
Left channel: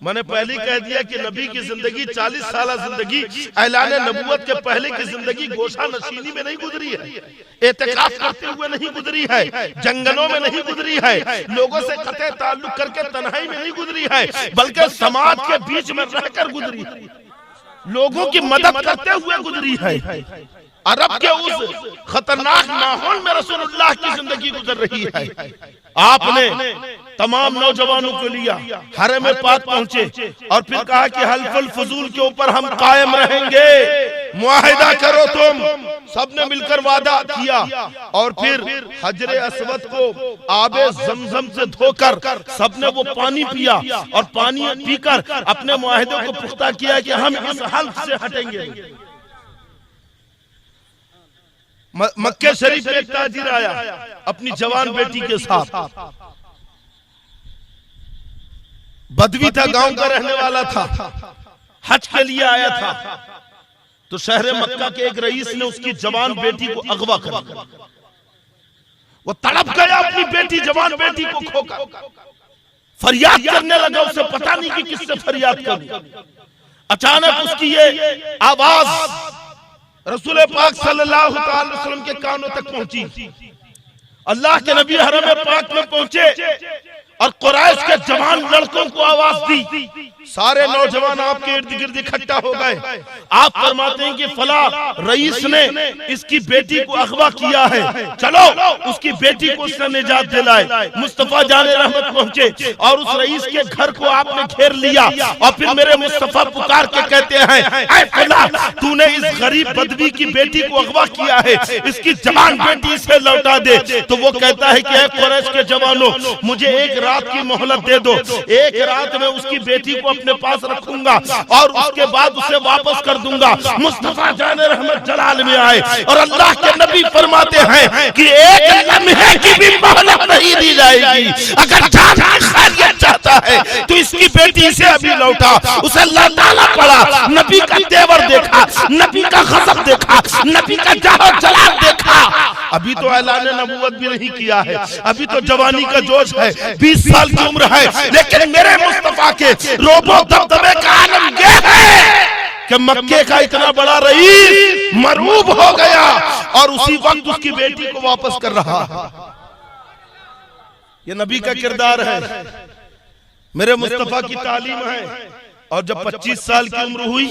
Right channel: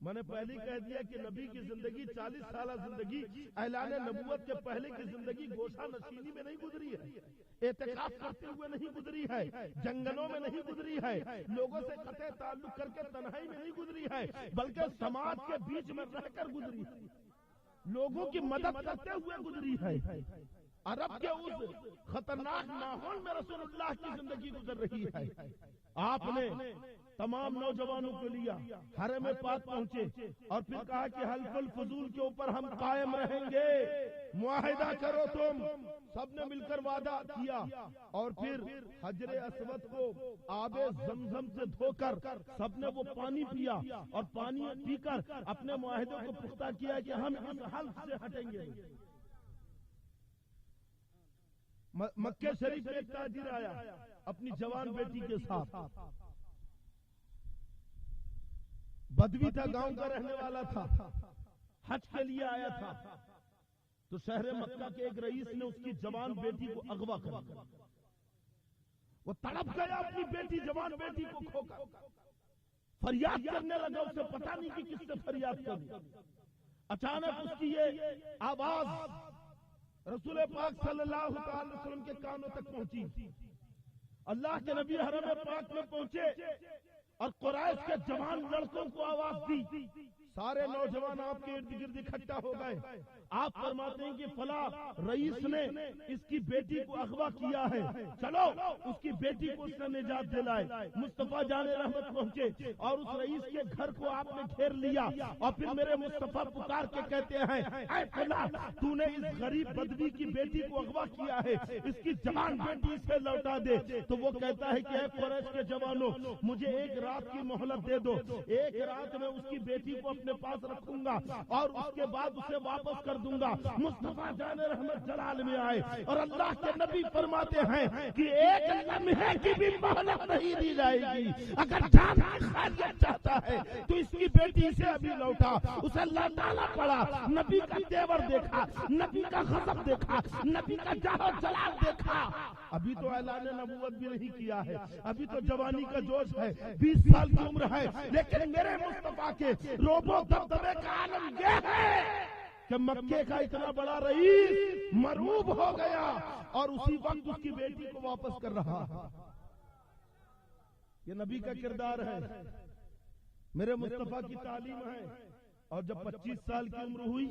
मैंने पहले कह दिया कि नबी की जिंदगी 40 साल जिंदगी ऐलान नबूवत के पहले की जिंदगी गोशा नशीनी में नहीं गुजरी है, एतिकाफ करते हुए नहीं गुजरी है, जंगलों में नहीं गुजरी है, लोगों से कतई ताल्लुक करके तन्हाई में नहीं गुजरी है, बल्कि समाज के बीच में रहकर गुजरी है, लोगों की मदद करते हुए गुजरी है। अरब के उस खतरनाक माहौल में रसूलुल्लाह की जिंदगी गुजर रही है। आपने तमाम नौजवानों को लिया, हरम पाक पहुंचे और फिर कहा कि हल्फुल फजूल के ऊपर हम कायम रहेंगे, मुआहिदा करो तुम। सबने मिलकर वादा किया और फिर हजरे अस्वद को आबे जमजम से धोकर सबने वो पानी पिया और पानी पीकर अपने मुआहिदे को पुख्ता किया कि हम इस हल्फ से हटेंगे। मक्के शरीफ में एक ताजिर आया अपनी जवान बेटी के साथ, बदवी था, गांव का रहने वाला था, हज के लिए आया था। तो शहर मक्का के एक रईस ने उसकी जवान बेटी को अगवा कर दिया। वो तड़प गया अपनी बेटी, जवान बेटी को खोकर। फरियाद करने लगा, उसे पता नहीं कि किससे फरियाद करूं। अचानक उसकी ये आवाज रसूल पाक सल्लल्लाहु अलैहि वसल्लम के कानों तक पहुंची। अल्लाह के नबी हरम पाक में पहुंचे और कुरैश के जवान लड़कों को आवाज दी। सारे नौजवान आपके इर्द गिर्द इकट्ठा हो गए। आप फरमाते हैं कि फला रईस ने इसकी बेटी को अगवा किया है, चलो उसकी बेटी को उसने निजात दिलाए। मुस्तफा जाने रहमत पहुंचे और उस रईस के घर को आपने घेर लिया और फिर मेरे मुस्तफा पुकार के कहते हैं, ऐ फला तूने इस गरीब बदवी की बेटी को अगवा किया है, इसकी जवान बेटी इसे लौटा दे। तो वो कहता है कि ऐ कुरैश के जवानों, मुझे एक रात की मोहलत दे दो, एक रात में उसकी बेटी को अपने पास रखूंगा और उसके बाद उसे वापस कर दूंगा। मुस्तफा जाने रहमत जलाल में आए और अल्लाह के नबी फरमाते हैं कि एक लम्हे की भी मोहलत नहीं दी जाएगी। अगर जान खैरियत चाहता है तो इसकी बेटी से अभी लौटा। उसे लौटाना पड़ा। नबी का तेवर देखा, नबी का गज़ब देखा, नबी का जाहो जलाल देखा। अभी तो ऐलान नबूवत भी नहीं किया है, अभी तो जवानी का जोश है, 20 साल की उम्र है, लेकिन मेरे मुस्तफा के रोबो दबदबे का आलम ये है कि मक्के का इतना बड़ा रईस मरूब हो गया और उसी वक्त उसकी बेटी को वापस कर रहा है। ये नबी का किरदार है, मेरे मुस्तफा की तालीम है। और जब 25 साल की उम्र हुई,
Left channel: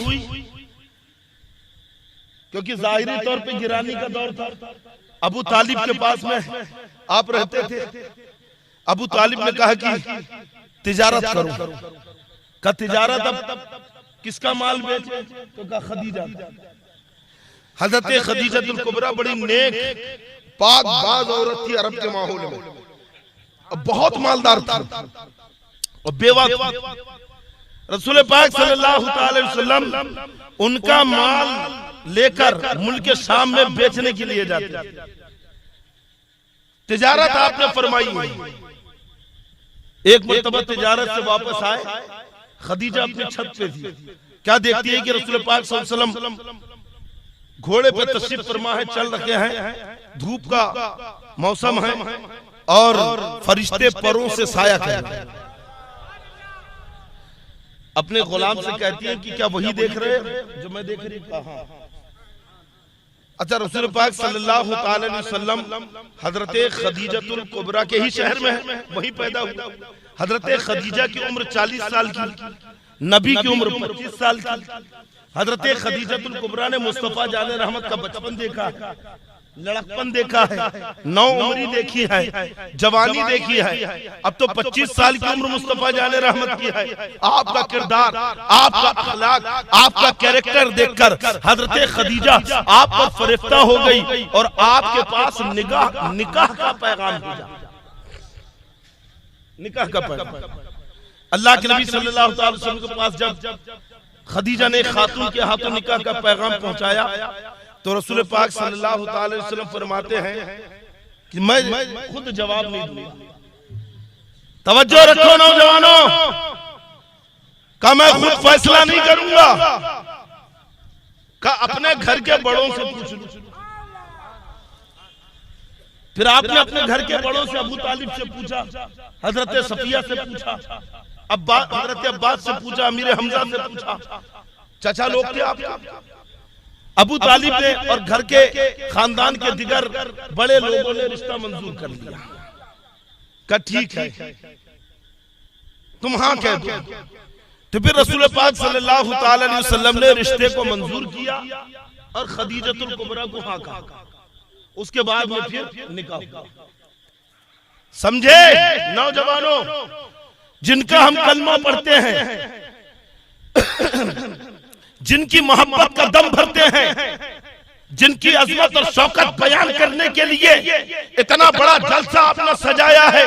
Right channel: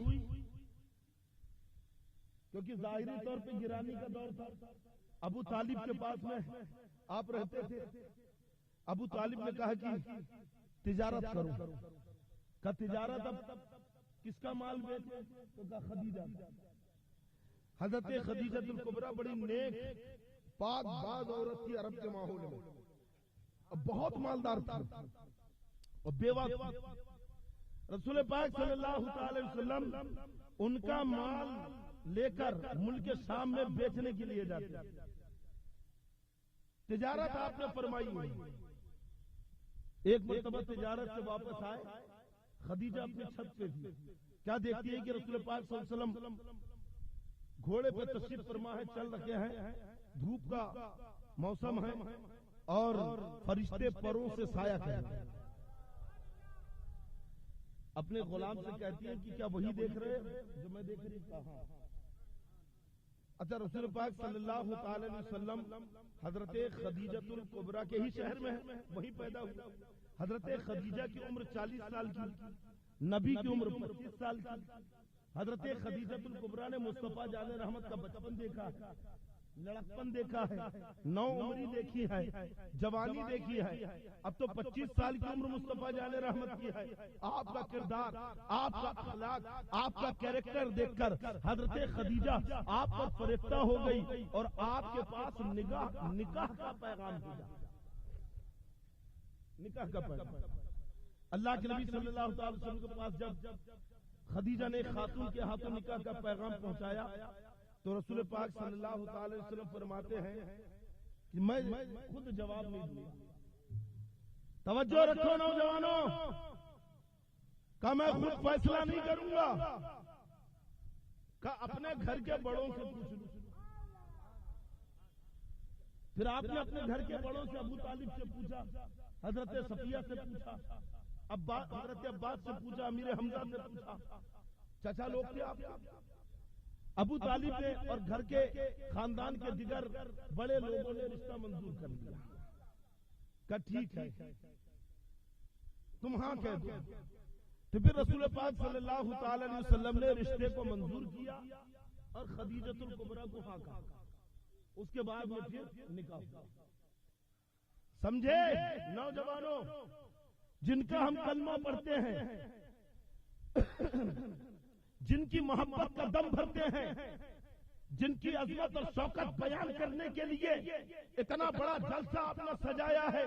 क्योंकि जाहिरी तौर पे गिरानी का दौर था, अबू तालिब के पास में आप रहते थे। अबू तालिब ने कहा कि तिजारत करूं। का तिजारत अब किसका माल बेचे? तो कहा खदीजा। हजरत खदीजतुल कुबरा बड़ी नेक पाक बाज औरत थी अरब के माहौल में, बहुत मालदार था और बेवा। रसूल पाक सल्लल्लाहु अलैहि वसल्लम उनका माल लेकर मुल्क शाम में बेचने के लिए जाते। तिजारत आपने फरमाई। एक मर्तबा तिजारत से वापस आए, खदीजा अपनी छत पे थी। क्या देखती है कि रसूल पाक सल्लल्लाहु अलैहि वसल्लम घोड़े पे तशरीफ फरमा है, चल रखे हैं, धूप का मौसम है और फरिश्ते परों से साया कर रहे हैं। अपने गुलाम से कहती है कि क्या वही देख रहे हैं जो मैं देख रही हूं? अच्छा, रसूल पाक सल्लल्लाहु अलैहि वसल्लम हजरत खदीजतुल कुबरा के ही शहर में है, वही पैदा हुआ। हजरत खदीजा की उम्र 40 साल की, नबी की उम्र 25 साल की। हजरत खदीजतुल कुबरा ने मुस्तफा जाने रहमत का बचपन देखा है, लड़कपन देखा है, नौ उम्री देखी है, जवानी देखी है। अब तो 25 साल की उम्र मुस्तफा जाने रहमत की है। आपका किरदार, आपका अखलाक, आपका कैरेक्टर देखकर हजरत खदीजा आप पर फरिफ्ता हो गई और आपके पास निकाह का पैगाम भेजा। निकाह का पैगाम अल्लाह के नबी सल्लल्लाहु अलैहि वसल्लम के पास जब खदीजा ने खातून के हाथों निकाह का पैगाम पहुंचाया तो रसूल पाक सल्लल्लाहु अलैहि वसल्लम फरमाते हैं कि मैं खुद जवाब नहीं दूंगा। तवज्जो रखो नौजवानों, का मैं खुद फैसला नहीं करूंगा, का अपने घर के बड़ों से पूछ लूं। फिर आपने अपने घर के बड़ों से अबू तालिब से पूछा, हजरत सफिया से पूछा, हजरत अब्बास से पूछा, अमीर हमजा से पूछा, चाचा लोग थे आपके। अबू तालिब ने और घर के खानदान के दिगर बड़े लोगों ने रिश्ता मंजूर कर लिया। का ठीक है, तुम हाँ कह दो। तो फिर रसूल पाक सल्लल्लाहु अलैहि वसल्लम ने रिश्ते को मंजूर किया और खदीजतुल कुबरा को हाँ कहा। उसके बाद में फिर निकाह हुआ। समझे नौजवानों, जिनका हम कलमा पढ़ते हैं, जिनकी मोहब्बत का दम भरते हैं, जिनकी अजमत और शौकत बयान करने के लिए इतना बड़ा जलसा आपने सजाया है,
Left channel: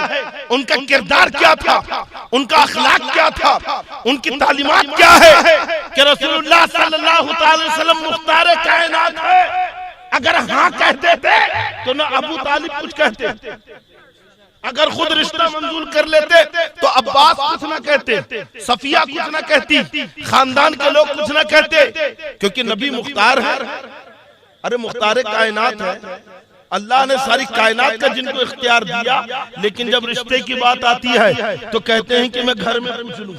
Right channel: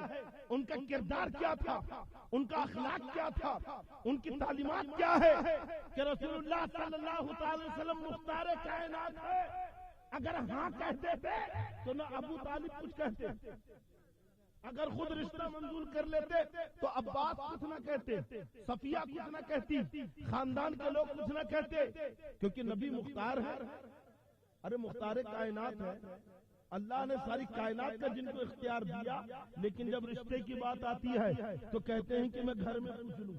उनका किरदार क्या था, उनका अखलाक क्या था, उनकी तालीमात क्या है कि रसूलुल्लाह सल्लल्लाहु अलैहि वसल्लम मुख्तार कायनात है। अगर हाँ कहते थे तो ना अबू तालिब कुछ कहते, अगर खुद रिश्ता मंजूर कर लेते तो अब्बास कुछ ना कहते, सफिया कुछ ना कहती, खानदान के लोग कुछ ना कहते, क्योंकि नबी मुख्तार है। अरे मुख्तार कायनात है, अल्लाह ने सारी कायनात का जिनको इख्तियार दिया, लेकिन जब रिश्ते की बात आती है तो कहते हैं कि मैं घर में पूछ लूं,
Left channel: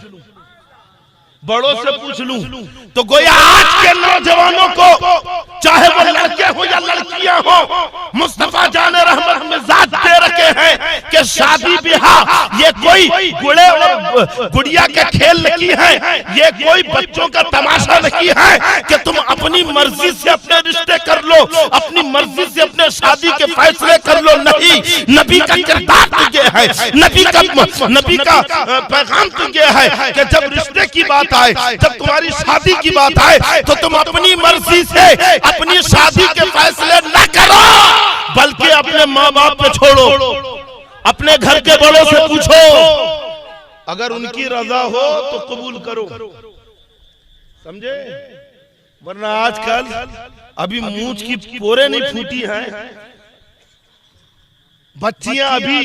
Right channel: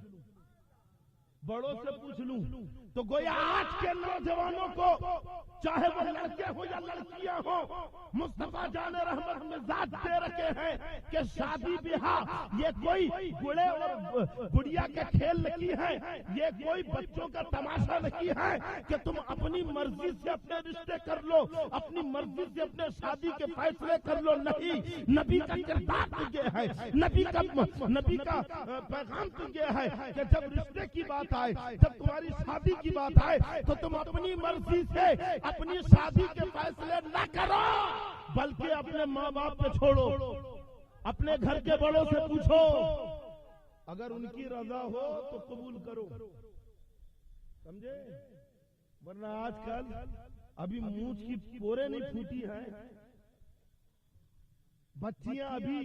बड़ों से पूछ लूं। तो गोया आज के नौजवानों को, चाहे वो लड़के हो या लड़कियां हो, मुस्तफा जान रहमत मिजाज दे रखे हैं कि शादी ब्याह ये कोई गुड़े और गुड़िया के खेल नहीं है, ये कोई बच्चों का तमाशा नहीं है कि तुम अपनी मर्जी से अपने रिश्ते कर लो, अपनी मर्जी से अपने शादी के फैसले कर लो। नहीं, नबी का किरदार तो ये है, नबी का पैगाम तो ये है कि जब रिश्ते की बात आए, जब तुम्हारी शादी की बात आए, तो तुम अपनी मर्जी से अपनी शादी के फैसले न करो, बल्कि अपने माँ बाप पे छोड़ो, अपने घर के बड़ों से पूछो, अगर उनकी रजा हो तो कबूल करो, समझे? वरना आजकल अभी मूंछ की पोरे नहीं फूटी हैं, बच्चियां अभी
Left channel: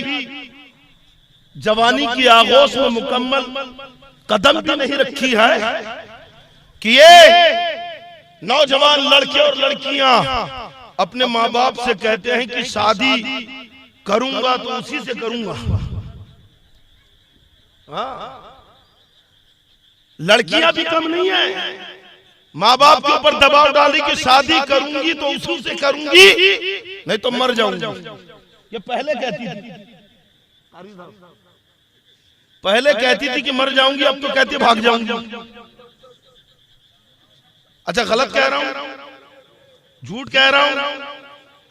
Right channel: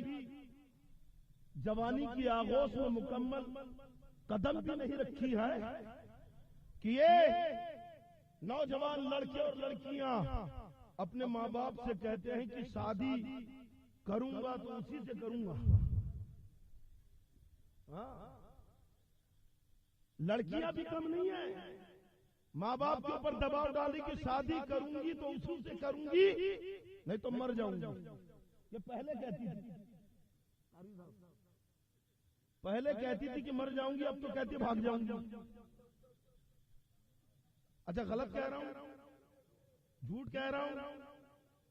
जवानी की आगोश में मुकम्मल कदम भी नहीं रखी है कि ये नौजवान लड़के और लड़कियां अपने माँ बाप से कहते हैं कि शादी करूंगा तो उसी से करूंगा। लड़कियां भी कम नहीं है, माँ बाप के ऊपर दबाव डाली कि शादी करूंगी तो उसी से करूंगी, नहीं तो मर जाऊंगी। ये पहले कहती थी, पहले कहती थी कि मर जाऊंगी, अब तो कहती भाग जाऊंगी। अच्छा, गलत कह रहा हूं, झूठ कह रहा हूं?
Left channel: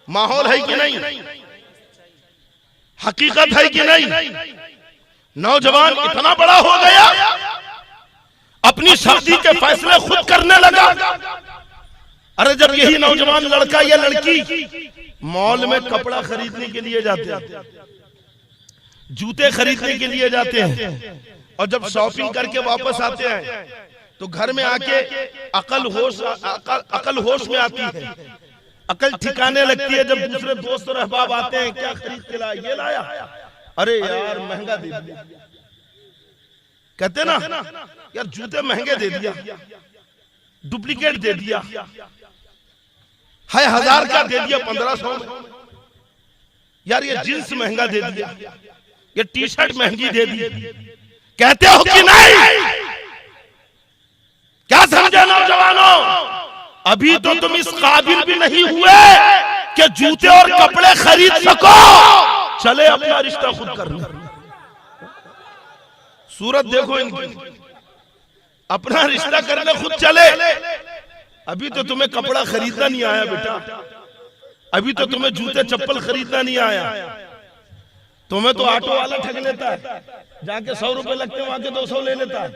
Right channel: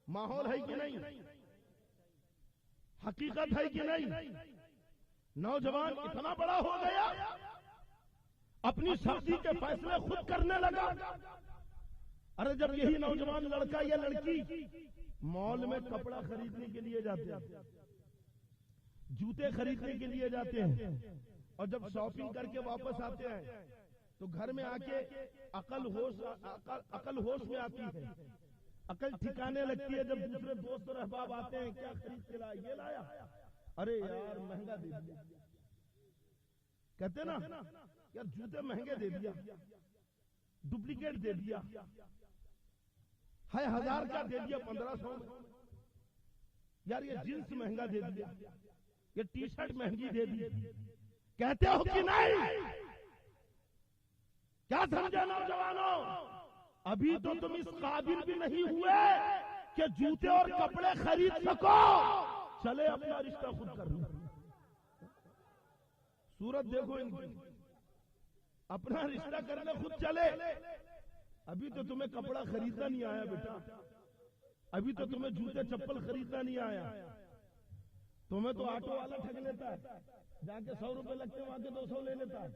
माहौल है कि नहीं, हकीकत है कि नहीं? नौजवान इतना बड़ा हो गया, अपनी शादी के फैसले खुद करने लगा। अरे जब यही नौजवान लड़का या लड़की मॉल में कपड़ा खरीदने के लिए जाते हैं, जूते खरीदने के लिए जाते हैं, और जब शॉपिंग करके वापस आते हैं तो घर में आके अकल होश में आती है, अकल ठिकाने लगती है। जब दूसरे दोस्त और अहबाब आते हैं, क्या खरीद के लाया? ये लाया, अरे यार महंगा दे दिया, कहते ना यार जूते महंगे दे दिया, डुप्लीकेट दे दिया, है 1000 का दे दिया 1500 में, यार ये जींस महंगा दे दिया, ये टी शर्ट महंगी दे दी। कहते हो कि नहीं? क्या समझे नौजवानों? अभी तो तुम इस काबिल भी नहीं हुए कि जूते और कपड़े खरीद सको, चले अपना रिश्ता खुद करना। सूरत देखो इनकी, अपना रिश्ता करने खुद चले। अभी तो तुम्हें कपड़ा खरीदना नहीं आया बेटा, अभी तो तुम्हें जूते चप्पल खरीदना नहीं आया, तुम्हें तो ऑटो वाला ठग लेता है, जाके 100 रुपए लगते हैं वहां के 200 ले लेता है।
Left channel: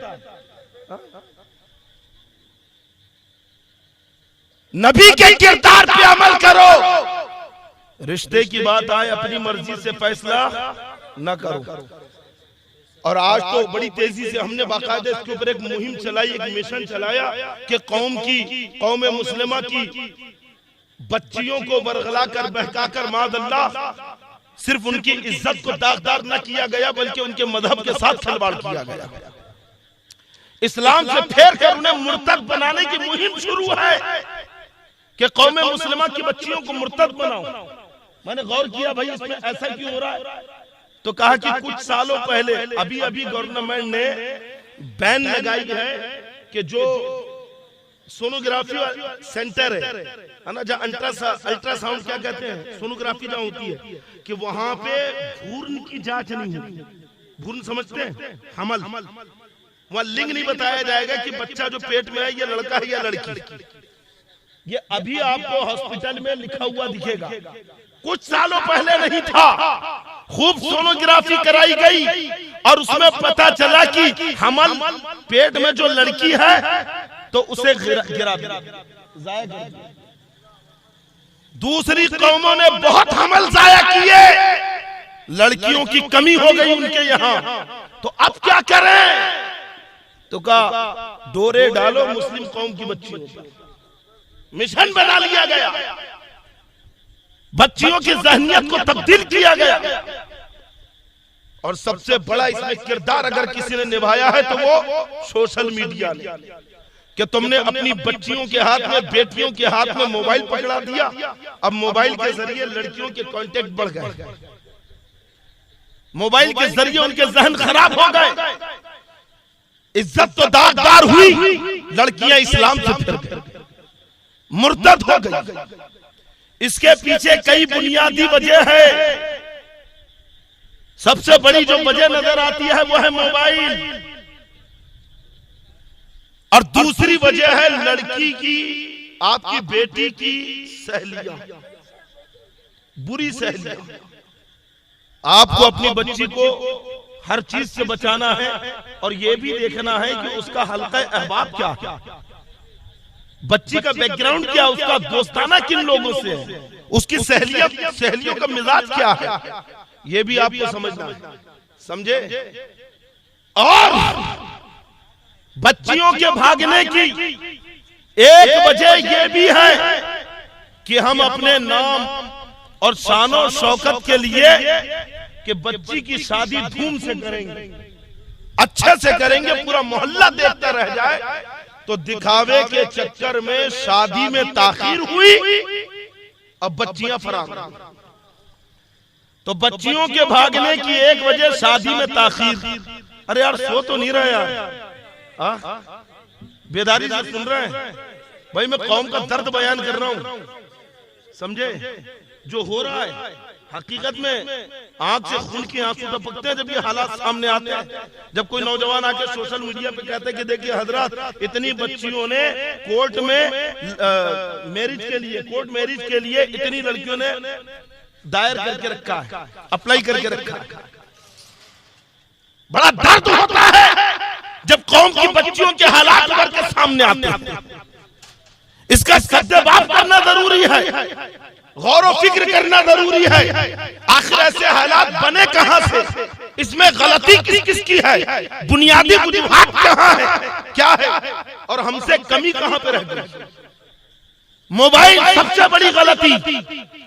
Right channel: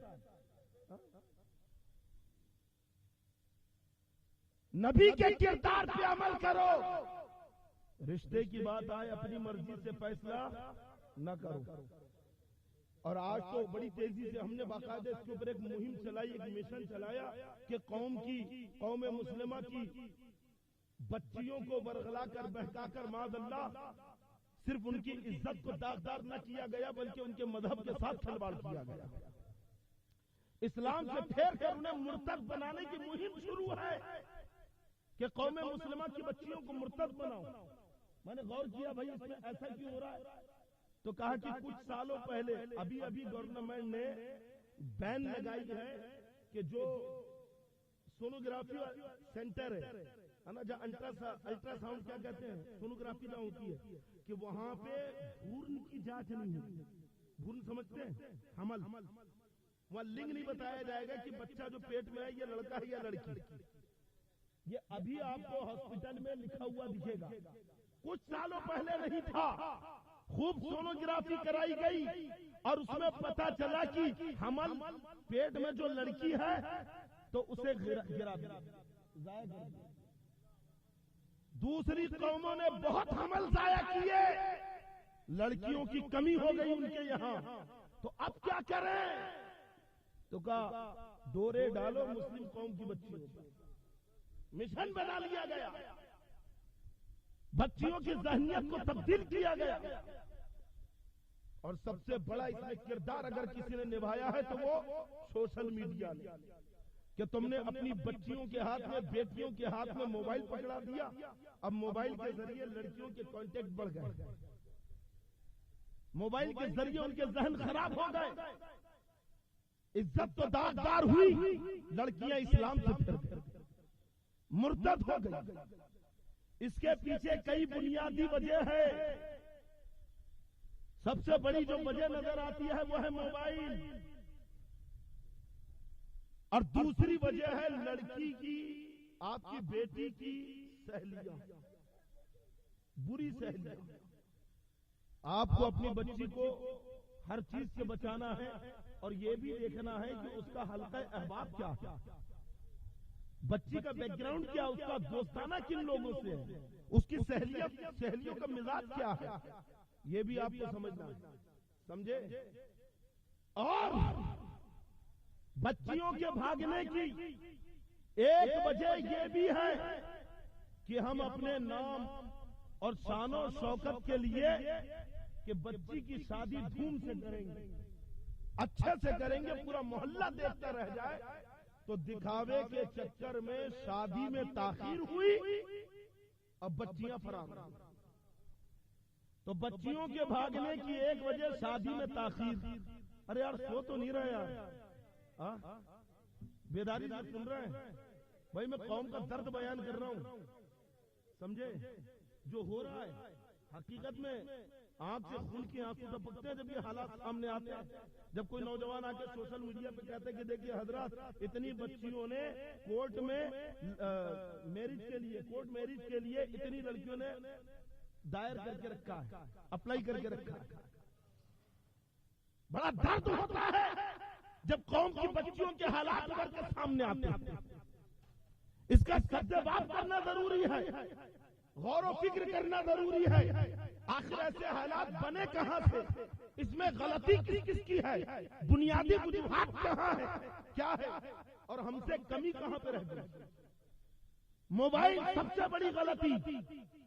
नबी के किरदार पे अमल करो, रिश्ते की बात आए अपनी मर्जी से फैसला न करो। और आज तो बड़ी तेजी से हमने बाकायदा इसके ऊपर एक मुहिम चलाई, एक मिशन चलाया कि कौम मुस्लिमा की बच्चियों को बरगला कर बहका कर मादअल्लाह सिर्फ उनकी इज्जत को दागदार न किया गया, बल्कि उनके मजहब के साथ खिलवाड़ किया गया। इस्लाम से फेर कर उन्हें मुर्तद बनाने की मुहिम शुरू है कि कौम मुस्लिमा की बच्चियों को मुर्तद बनाओ। मैंने गौर किया भाई इसमें ऐसा क्यों हो रहा है, तो कहा कि कुछ सालों पहले अभी गवर्नमेंट ने बैन लगाई है कि जो सोनोग्राफी सेंटर है ना, जहाँ अल्ट्रासाउंड क्या कहते हैं, सोनोग्राफी जहाँ होती है, कि वहां पे भ्रूण की जांच नहीं होती। भ्रूण समझते हैं, हमल, वहां लिंग नहीं बताया जाएगा कि बच्चा जो पेट में है ये लड़का है या लड़की। ये अभी आपको हॉस्पिटल में लिखा हुआ दिखेगा, कुछ सालों पहले नहीं था। खूब सोनोग्राफी कराई गई और उसमें पता चला कि हमल पेट में जो लड़की है तो उसे गिरा दिया। दूसरी कौमों ने बहुत हमल जाया किए, लड़कियों की कमी हो गई उनके यहाँ, तो अब क्या करें? तो कहा डोरे डालो मुस्लिम कौम की बच्चियों पर। मिशन बना लिया गया, बच्चियों की ज़हनियत को तब्दील किया गया। और सबसे बड़ा इसमें किरदार अगर किसी ने निभाया है तो वो सोशल मीडिया ने, कि तुमने अपनी बच्चियों के हाथ में, बेटियों के हाथ में मोबाइल पकड़ा दिया। अब मोबाइल के जरिए लड़कियों के कांटेक्ट बढ़ गए, मोबाइल के जरिए उनके जहन खराब हो गए, इज्जत तो दागदार हुई, लड़कियां इस्लाम से फिर गई, मुर्तद हो गई। इसके पीछे कई बुनियादी वजह है। सबसे बड़ी जो वजह नजर आती है वो है मोबाइल, और दूसरी वजह है लड़की की, आपकी बेटी की सहेलियां, बुरी सहेलियां। आपको अपनी बच्ची को हर चीज से बचाना है और यह भी देखना है कि उसका हल्का अहबाब क्या है, बच्ची का बैकग्राउंड क्या, उसका दोस्ताना किन लोगों से है, उसकी सहेलियों का मिजाज क्या है, यह भी आपको समझना है, समझे। और बच्चियों के भागने की एक वजह यह भी है कि हम अपने नाम और शानो शौकत के लिए कि बच्ची की शादी धूम से करेंगे, अच्छे से करेंगे, पूरा मोहल्ला देखता रह जाए, तो दिखावे के चक्कर में शादी में ताखीर हुई, अब बच्चियां फरार। तो बच्चियों के भागने की एक वजह शादी में ताखीर। अरे यार सो तो नहीं रहे यार, बेदारी से सुन रहे हैं भाई, मैं कौम का दर्द बयान कर रहा हूं, समझे। जो हो रहा है हकीकत में आंख से खून की आंसू टपकते हैं जब ये हालात सामने आते हैं। जब कोई नौजवान आके सोशल मीडिया पे कहते हैं कि देखिए हजरत, इतनी बच्चियों ने कोर्ट में मैरिज के लिए, कोर्ट मैरिज के लिए इतनी लड़कियों ने दायर करके रखा है, अप्लाई करके रखा है। बड़ा दर्द होता है जब कौम की बच्चियों के हालात उभर के सामने आते हैं। इसका सद्देबाब करना जरूरी है, गौर और फिक्र करना जरूरी है। आखिर ऐसे हालात बने कहां से, इसमें गलती किस किस की है, बुनियादी वजूहात कहां है, क्या है, और हमसे कमी कहां पे रह गई। मोबाइल सबसे बड़ी गलती,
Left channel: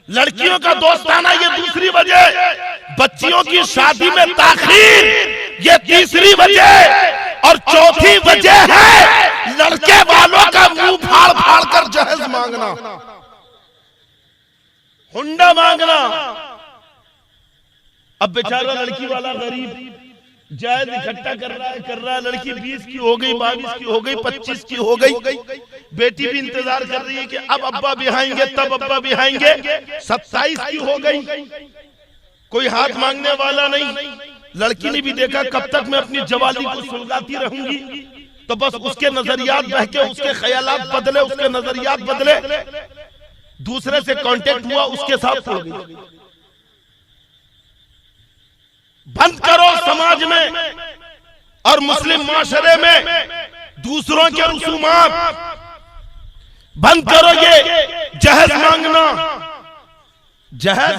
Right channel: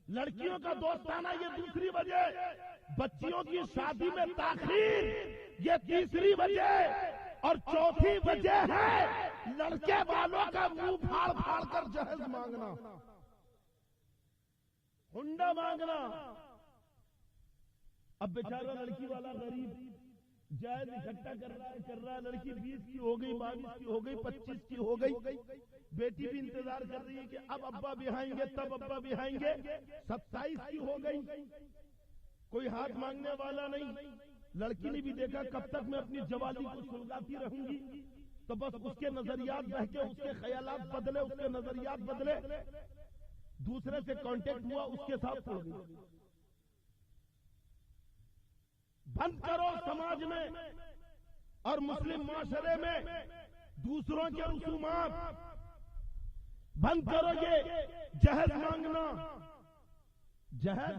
लड़कियों का दोस्ताना ये दूसरी वजह, बच्चियों की शादी में ताखीर ये तीसरी वजह, और चौथी वजह है लड़के वालों का मुंह फाड़ फाड़ कर जहेज मांगना, हुंडा मांगना। अब बेचारा लड़की वाला गरीब जायज इकट्ठा कर रहा है, लड़की 20 की हो गई, 22 की हो गई, 25 की हो गई, बेटी भी इंतजार कर रही है कि अब अब्बा बिहाएंगे, तब अब्बा बिहाएंगे, 27 की हो गई, कोई हाथ मांगने वाला नहीं। लड़की ने भी देखा कब तक मैं अपनी जवानी को सुलगाती रहूंगी, तो बस उसके नजरियात बहके, उसके ख्यालात बदले, उसके नजरियात बदले, दूसरे से कांटेक्ट हुआ, उसके साथ छोड़ गई। बंद करो समाज में और मुस्लिम माशरे में दूसरों के रसूमात, बंद करो ये जहेज मांगना। जहेज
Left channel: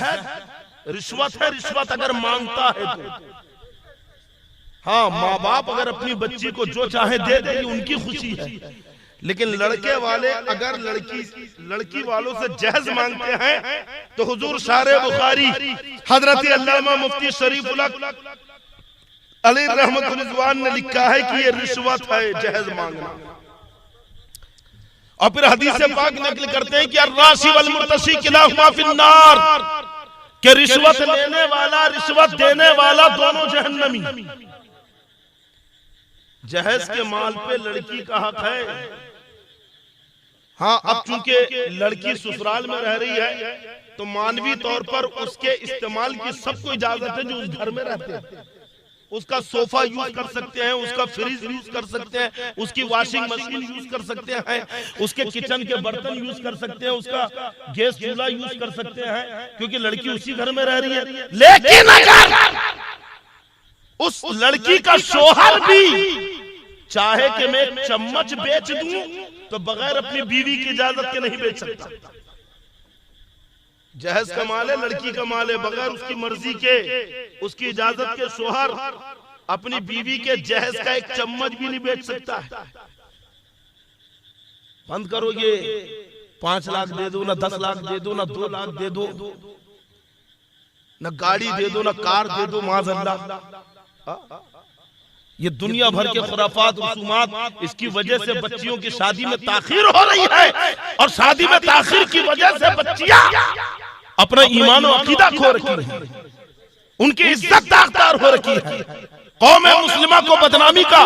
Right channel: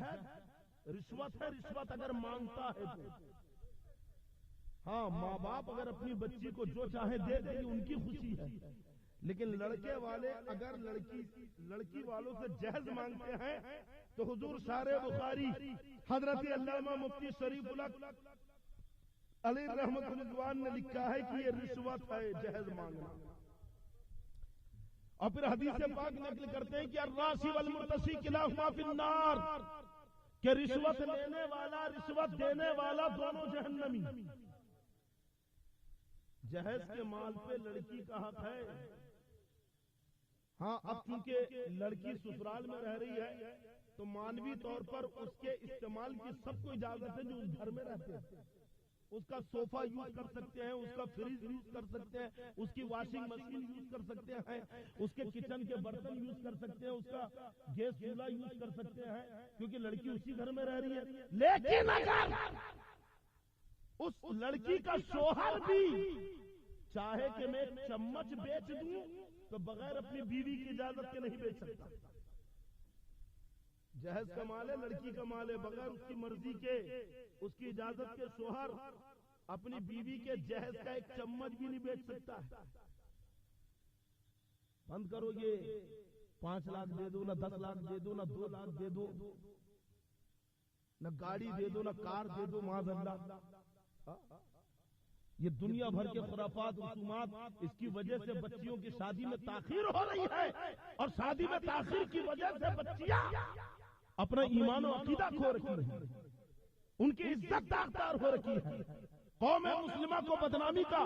रिश्वत है, रिश्वत अगर मांगता है तो हाँ, माँ बाप अगर अपनी बच्ची को जो चाहे दे दे, उनकी खुशी है, लेकिन लड़के वाले अगर लड़की वालों से जहेज मांगते हैं तो हुजूर शारे बुखारी हजरत अल्लामा मुफ्ती शरीफुल हक अली रहमतुल्लाह रिजवान ने लिखा है कि ये रिश्वत है, जहेज मांगना। और फिर हदीस पाक नकल करते हैं कि अर्राशी वल मुर्तशी किलाहुमा फिन्नार, कि रिश्वत लेने वाला, रिश्वत देने वाला दोनों जहन्नमी। जहेज के माल पे लड़की का हक है। हाँ, अब चूंकि लड़की ससुराल में रह रही है तो मानवी तौर पर उसके इस्तेमाल की सबको इजाजत है जो उस घर में रहते हैं। उसका सोफा यूज कर सकते हैं, उसका फ्रिज यूज कर सकते हैं, उसकी वॉशिंग मशीन यूज कर सकते हैं, उसके किचन के बर्तन यूज कर सकते हैं, उसका गैस चूल्हा यूज कर सकते हैं, क्योंकि लड़की उसी घर में रह रही है। लेकिन अगर उस लड़की का शोहर भी चाहे कि मैं चम्मच बेच दूं तो बगैर अपनी बीवी की इजाजत के नहीं बेच सकता। जहेज का माल है, लड़की का माल है, बगैर उसकी मर्जी के, उसकी इजाजत के शोहर अपनी बीवी के जहेज का एक चम्मच भी नहीं बेच सकता है। बंद करो ये 5 लाख दे दो, ना 10 लाख दे दो, ना 2 लाख दे दो, ना गाड़ी दे दो, ना कार दे दो, माज़अल्लाह। ये दुनिया भर के खुराफात रसूमात, इसकी वजह से बच्चियों की शादी में ताखीर हो रही है, और शादी में ताखीर की वजह से बच्चियां अपना ईमान और अकीदा खो रखी है, उनकी इज्जत दागदार हो रखी है, कौम मुस्लिमा को बदनामी का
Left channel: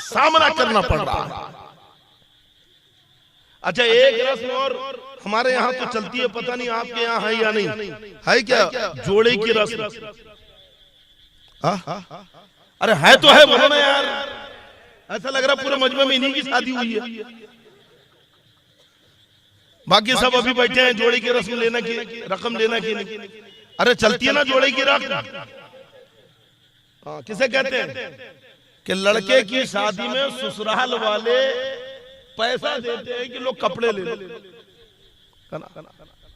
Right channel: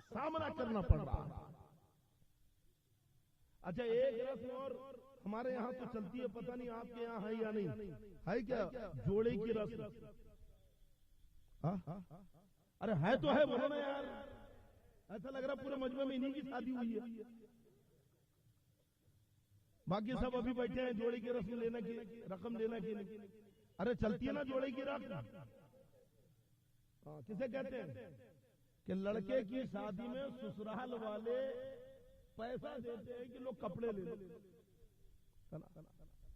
सामना करना पड़ रहा है। अच्छा, एक रस्म और हमारे यहाँ तो चलती है, पता नहीं आपके यहाँ है या नहीं, है क्या? जोड़े की रस्म। अरे है तो है, बोलो ना यार, ऐसा लग रहा पूरे मजमे में इन्हीं की शादी हुई है, बाकी सब अभी बैठे हैं जोड़े की रस्म लेना की, रकम लेना की नहीं। अरे चलती है ना जोड़े की रस्म। किसे कहते हैं कि लड़के की शादी में ससुराल वाले पैसा देते हैं कि लोग कपड़े ले लो,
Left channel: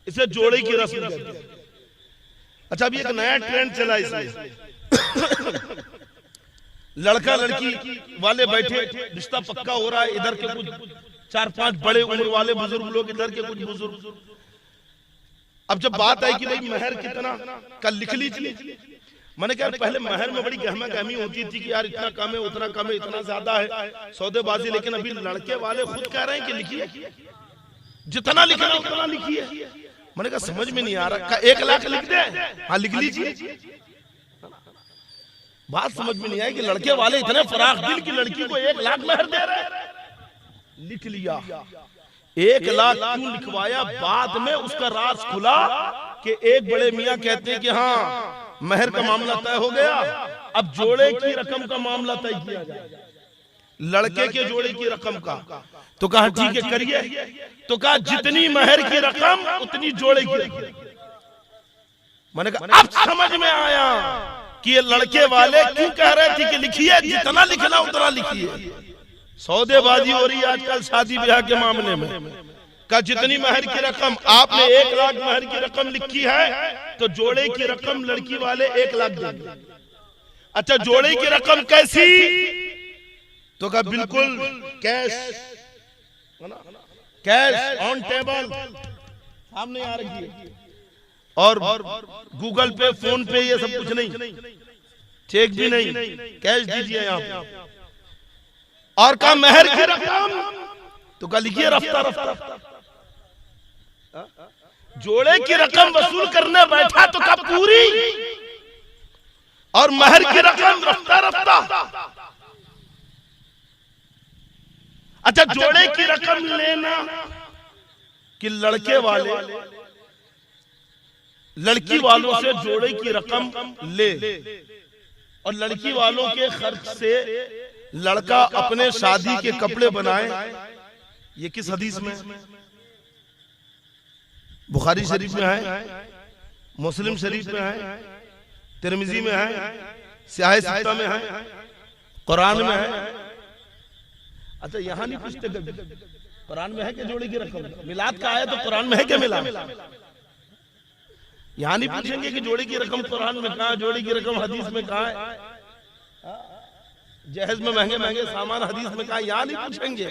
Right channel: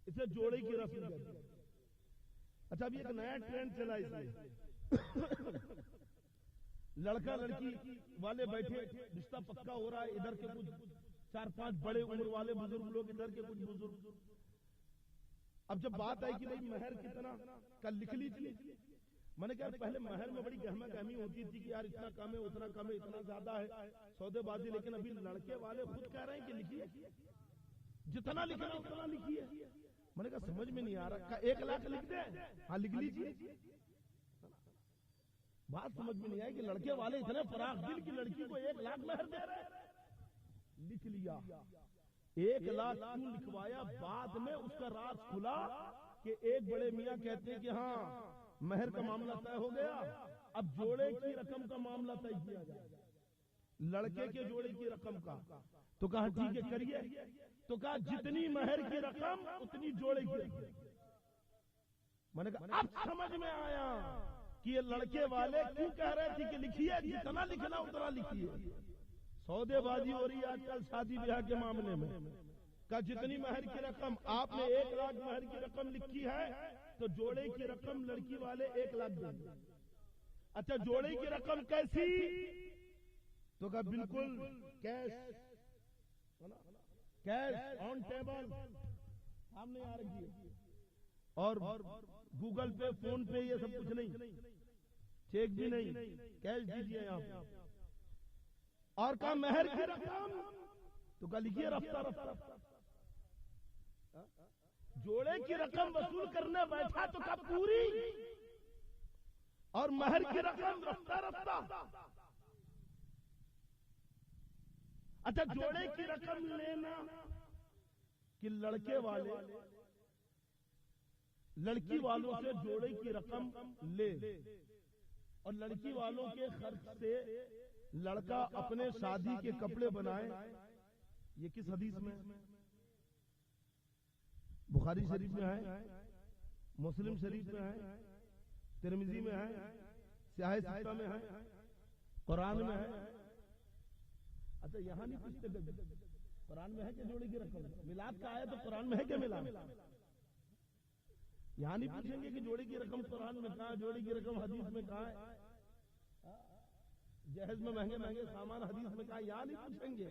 इसे जोड़े की रस्म कहते हैं। अच्छा, अभी एक नया ट्रेंड चला इसमें, लड़का लड़की वाले बैठे, रिश्ता पक्का हो रहा है, इधर के कुछ 4-5 बड़े उम्र वाले बुजुर्ग लोग, इधर के कुछ बुजुर्ग। अब जब बात आई कि भाई महर कितना, कल लिख लीजिए। मैंने कहा पहले महर में बड़ी गहमा गहमी होती थी कि यार इतना कम है, उतना कम है, इतना ज्यादा है, सौदेबाजी। लेकिन अभी लड़के वाले खुद कह रहे हैं कि लिखिए, जितना लिखना उतना लिखिए। मैंने कहा समझ में नहीं आ रहा, 1 लाख लिख दे? हाँ लिख लीजिए। बात समझ में नहीं आई कि लड़के वाले इतने फराख दिल की लड़की को 1 लाख महर दे रहे हैं। लिख लिया, 1 लाख क्यों लिखवाया? बाद में उसका राज खुला कि एक बड़े मियाँ कहते हैं कि हाँ महर का मामला तय हो गया, अब जोड़े की रकम का मामला तय किया जाए, लड़के के जोड़े की रकम का। तो कहा ठीक है करिए। तो कहा जितनी महर की रकम उतनी जोड़े की रकम। मैंने कहा अब समझ में आया कि ये लड़के वाले क्यों कह रहे थे कि लिखिए, जितना लिखना उतना लिखिए। सौदेबाजी हो रही है आजकल शादी ब्याह के मामले में। का जितनी महर की रकम, आपने 1 लाख महर की रकम लिखी है तो जोड़े की रकम लड़की वाले 1 लाख देंगे। अच्छा, जोड़े की रकम कैसी? तो कहा बिल्कुल कैश, कैश ऑन टेबल सामने आ रही है, और गूगल पे, फोन पे, ये सब कुछ नहीं, चेक भी नहीं, कैश दीजिए यहाँ पे। और कहा महर की रकम, तो कहा लिखिए रफ्ता रफ्ता। जोड़े की रकम वसूल करने बैठा तो कहा पूरी, और महर की रकम रफ्ता रफ्ता। अच्छा, जोड़े की रकम लेना कि लड़के वाले लड़की वालों से जोड़े की रकम ले, और लड़की वालों के खर्च से लड़का अपने शादी के कपड़े बनाए। ये किस हदीस में? बुखारी शरीफ में है, मुस्लिम शरीफ में है, तिरमिजी में है, सियाह सित्ता में है, कुरान में है। अच्छा, यहाँ नहीं पूछते कभी कुरान में है कि जोड़े की रकम? मिलाद का आया तो कुरान में है क्या मिलाद? यहाँ नहीं पूछेंगे कि जोड़े की रकम कुरान में कहाँ, जोड़े की रकम हदीस में कहाँ है, जहेज में महंगे महंगे सामान हदीस में कहाँ, यहाँ नहीं पूछेंगे।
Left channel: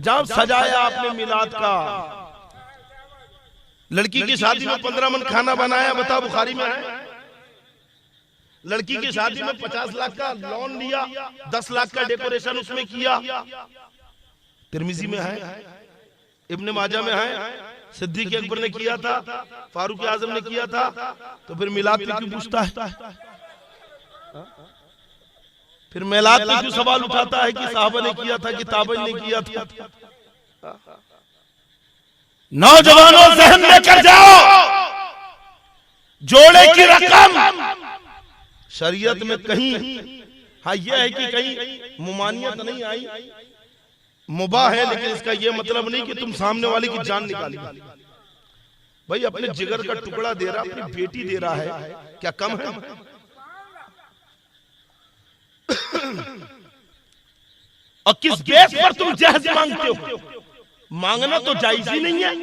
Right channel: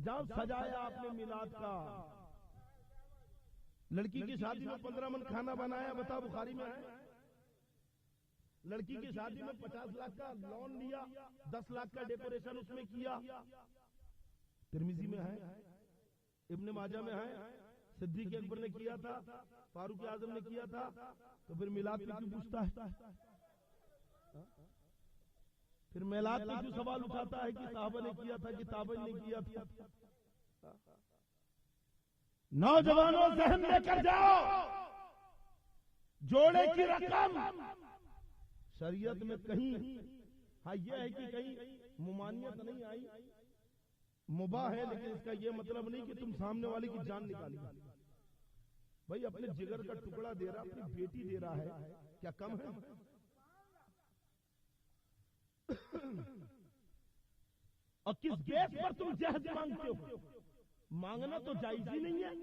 जब सजाया आपने मिलाद का, लड़की की शादी में 15 मन खाना बनाया, बता बुखारी में है। लड़की की शादी में 50 लाख का लोन लिया, 10 लाख का डेकोरेशन उसमें किया, तिरमिजी में है, इब्ने माजा में है, सिद्दीक अकबर ने किया था, फारूक आजम ने किया था। तो फिर मिलाद पे क्यों पूछता है? फिर मिलाद पे क्यों सवाल उठाता है कि साहबा ने किया था कि ताबई ने किया था? नौजवानों ज़हन लेकर जाओ, जोड़े की रकम शरीयत में कहीं, हाँ यह है कि कहीं मुमानियत नहीं आई, मुबाह है, लेकिन इसका यह मतलब नहीं कि तुम सामने वाले की जान निकाली। भाई अपने जिगर का टुकड़ा दे रहा, अपनी बेटी दे रहा है, क्या कम है? और किस बेस पर तुम जहेज मांगते हो? मांगना तो जायज ही नहीं है,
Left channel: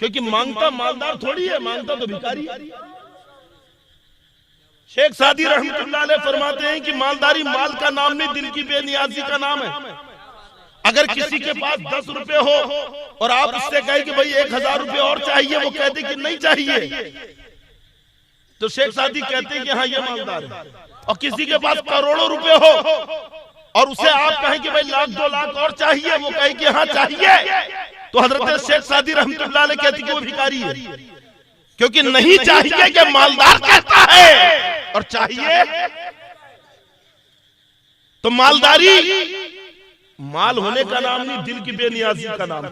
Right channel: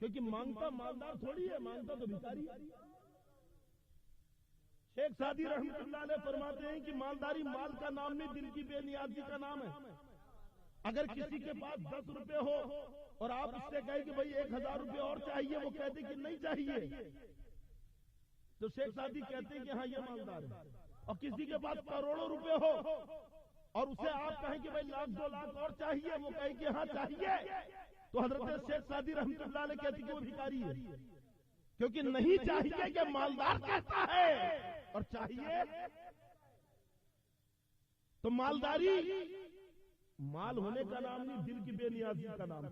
क्योंकि मांगता मालदार थोड़ी है, मांगता तो भिखारी है। शेख सादी रहमतुल्लाह अलैह फरमाते हैं कि मालदारी माल का नाम नहीं, दिल की बेनियाजी का नाम है। अगर किसी के पास 10 रुपए हो और आप उससे कहे कि भाई 1000 रुपए और चाहिए, वो कहते कि नहीं चाहिए, तो शेख सादी कहते हैं कि हाँ ये मालदार है। और किसी के पास करोड़ों रुपए हो और उसे आप कहें कि भाई लाख 2 लाख और चाहिए, वो कहे कि हाँ चाहिए, तो हजरत शेख सादी रहमतुल्लाह अलैह कहती कि वो भिखारी है, क्योंकि नहीं चाहिए कि मालदार कहता है और चाहिए तो मालदारी माल होने का नाम नहीं, दिल की बेनियाजी का नाम।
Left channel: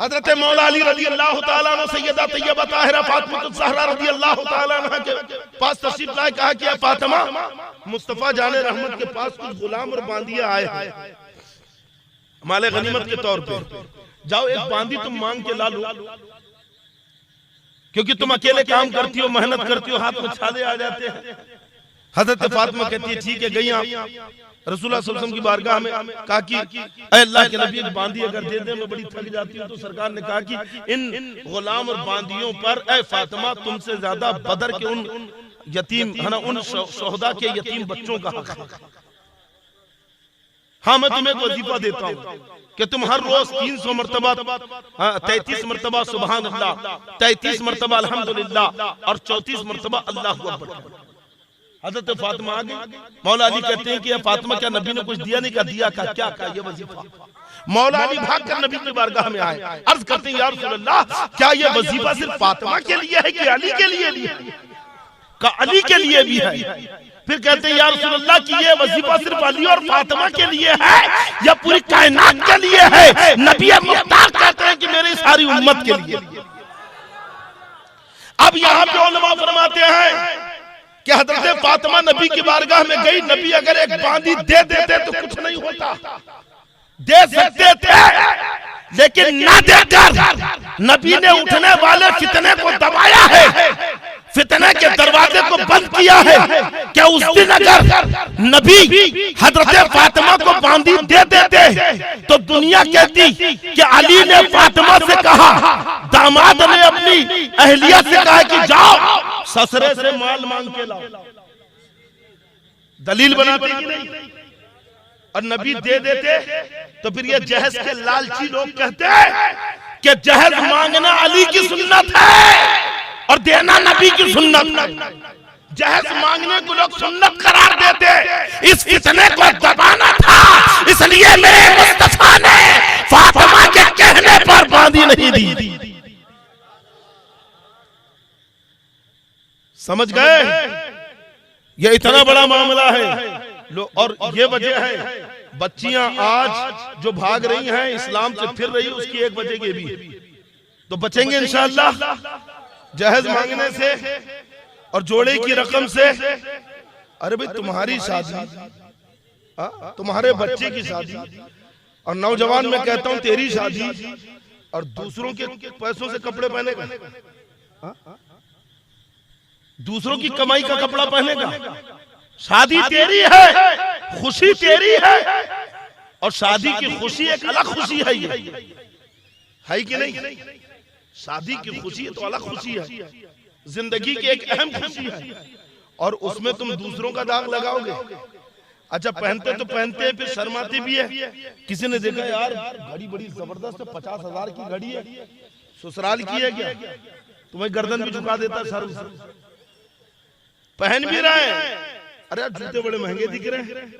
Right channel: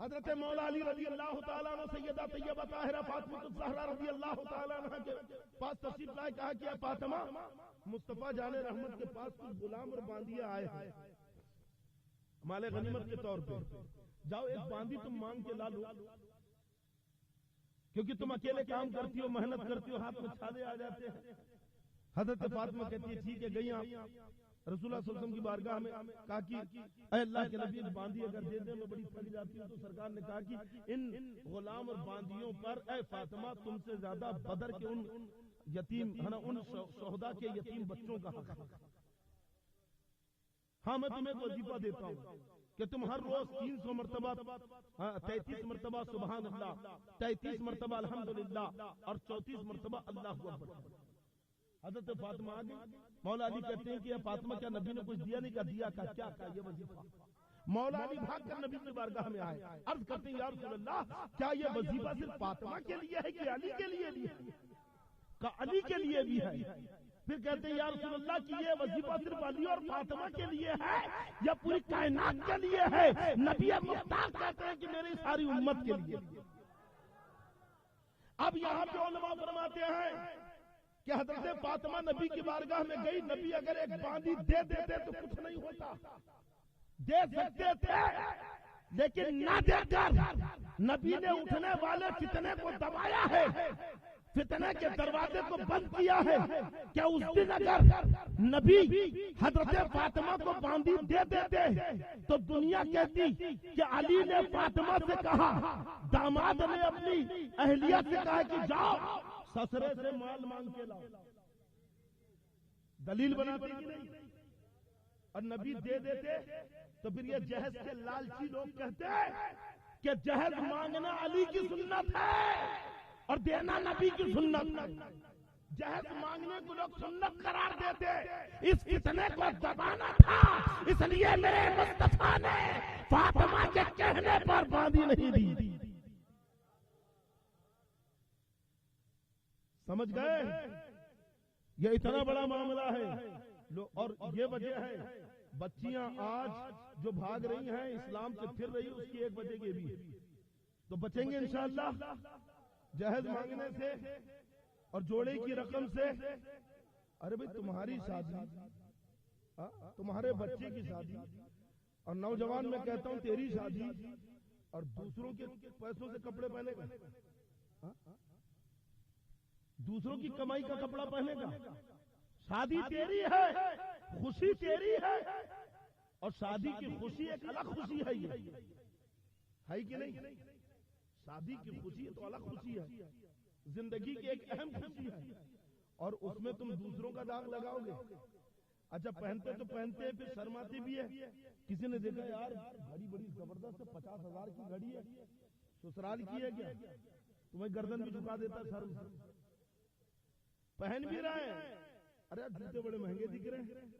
हजरत मौला अली रजी अल्लाह तआला अन्हु सैयदा तैयबा ताहिरा फातिमा ज़हरा रजी अल्लाह तआला अन्हा के पास तशरीफ लाए, कहा कि फातिमा, मुस्तफा जाने रहमत के पास कुछ गुलाम और बांदिया आए हैं माले गनीमत के तौर पे, जाओ एक बांदी तुम मांग के ला लो, क्योंकि तुम अकेले काम करती हो, मेहनत करती हो, हाथ में छाले आ जाते हैं। हजरत फातिमा कहती है ठीक है, गई आप रसूलुल्लाह सल्लल्लाहु अलैहि वसल्लम की बारगाह में, कहा कि अल्लाह के नबी, एक बांदी अगर दे दे मैं बड़ी थक जाती हूँ। तो सरकार ने कहा कि इन गुलाम और बांदियों पर ए फातिमा तुमसे ज्यादा बदर के उन यतीम है ना, उन शोहदा के यतीम बच्चों का हक है। हाँ मैं तुम्हें एक वजीफा देता हूँ कि तुम हर रोज 300 मरतबा 33 मरतबा सुभान अल्लाह, 33 मरतबा अल्हम्दुलिल्लाह और 34 मरतबा अल्लाहु अकबर। हजरत फातिमा आ गई। मौला अली कहते हैं कि फातिमा क्या नबी ने कुछ दिया नहीं? का दिया। का क्या? का ये वजीफा। मौला अली भाग कर नबी की बारगाह में आए, अर्ज करते हैं या रसूल अल्लाह, क्या ये वजीफा सिर्फ फातिमा के लिए है कि अली के लिए भी है? का अली के लिए भी है। फिर कहते हैं या रसूल अल्लाह कि ये वजीफा सिर्फ अली और फातिमा के लिए है या पूरी कायनात के लिए है? नबी मुख्तार कहते हैं कि मेरी सारी उम्मत के लिए। अब यहाँ पे उलमा फरमाते हैं कि हजरत फातिमा नबी की बारगाह में गई, नबी अगर एक बांदी दे देते तो कुछ नहीं होता, दे सकते थे, लेकिन ना देकर नबी ने उठने वाले फितने को दबाया है, फितने के दरवाजे को बंद किया है। क्या उस दिन अगर नबी हजरत फातिमा को बांदी दे देते तो दुनिया कहती कि अली ने फातिमा से कहा, दामाद ने अपनी अहलिया से कहा कि जाओ ससुरे से माल मांग के लाओ, दलील बनाते कि नहीं? और नबी दे देते तो फिर ये जहेज के लालची लोग कहते हैं कि जहेज मांगना अली की सुन्नत है और देना नबी की सुन्नत। जहेज मांगने को लोग सुन्नत करार देते, इस फितने को दबाना था, इसलिए मेरे मुस्तफा ने फातिमा के कहने पर बांधी नहीं दी। समझ गए? ये इतना बड़ा मामला है। और ये वजह है बच्चियां आज जो भाग रही हैं, इस्लाम से फिर रही, उसकी एक वजह ये भी तो बचेंगे इंशाअल्लाह जहेज मांगने से और जोड़े की रकम से। अरे भाई तुम्हारी शादी, तुम्हारे बच्चे की शादी, और नौजवान मैं कहता हूं तेरी शादी, और दूसरों के पैसों से कपड़े पहनेगा, दूसरों की कमाई का कपड़ा पहनेगा। शादी तेरी है, खुशी तेरी है, और शादी की खुशी एक अलग खुशी है। ये है कि नहीं? शादी की खुशी तो अलग खुशी है, जिंदगी की एक अहम खुशी है, और उसमें तुम दूसरों का दाग लगाओगे। अच्छा पहनते तो पहनते हैं, फिर शर्माते भी है। किसी ने देखा यार घड़ी बड़ी जबरदस्त है, 50,000 की घड़ी है, ससुराल की है क्या? तुम्हें गर्दन भी झुका देता शर्म से। पहन भी रहे हैं, अरे यार जूते बड़े महंगे दिख रहे हैं,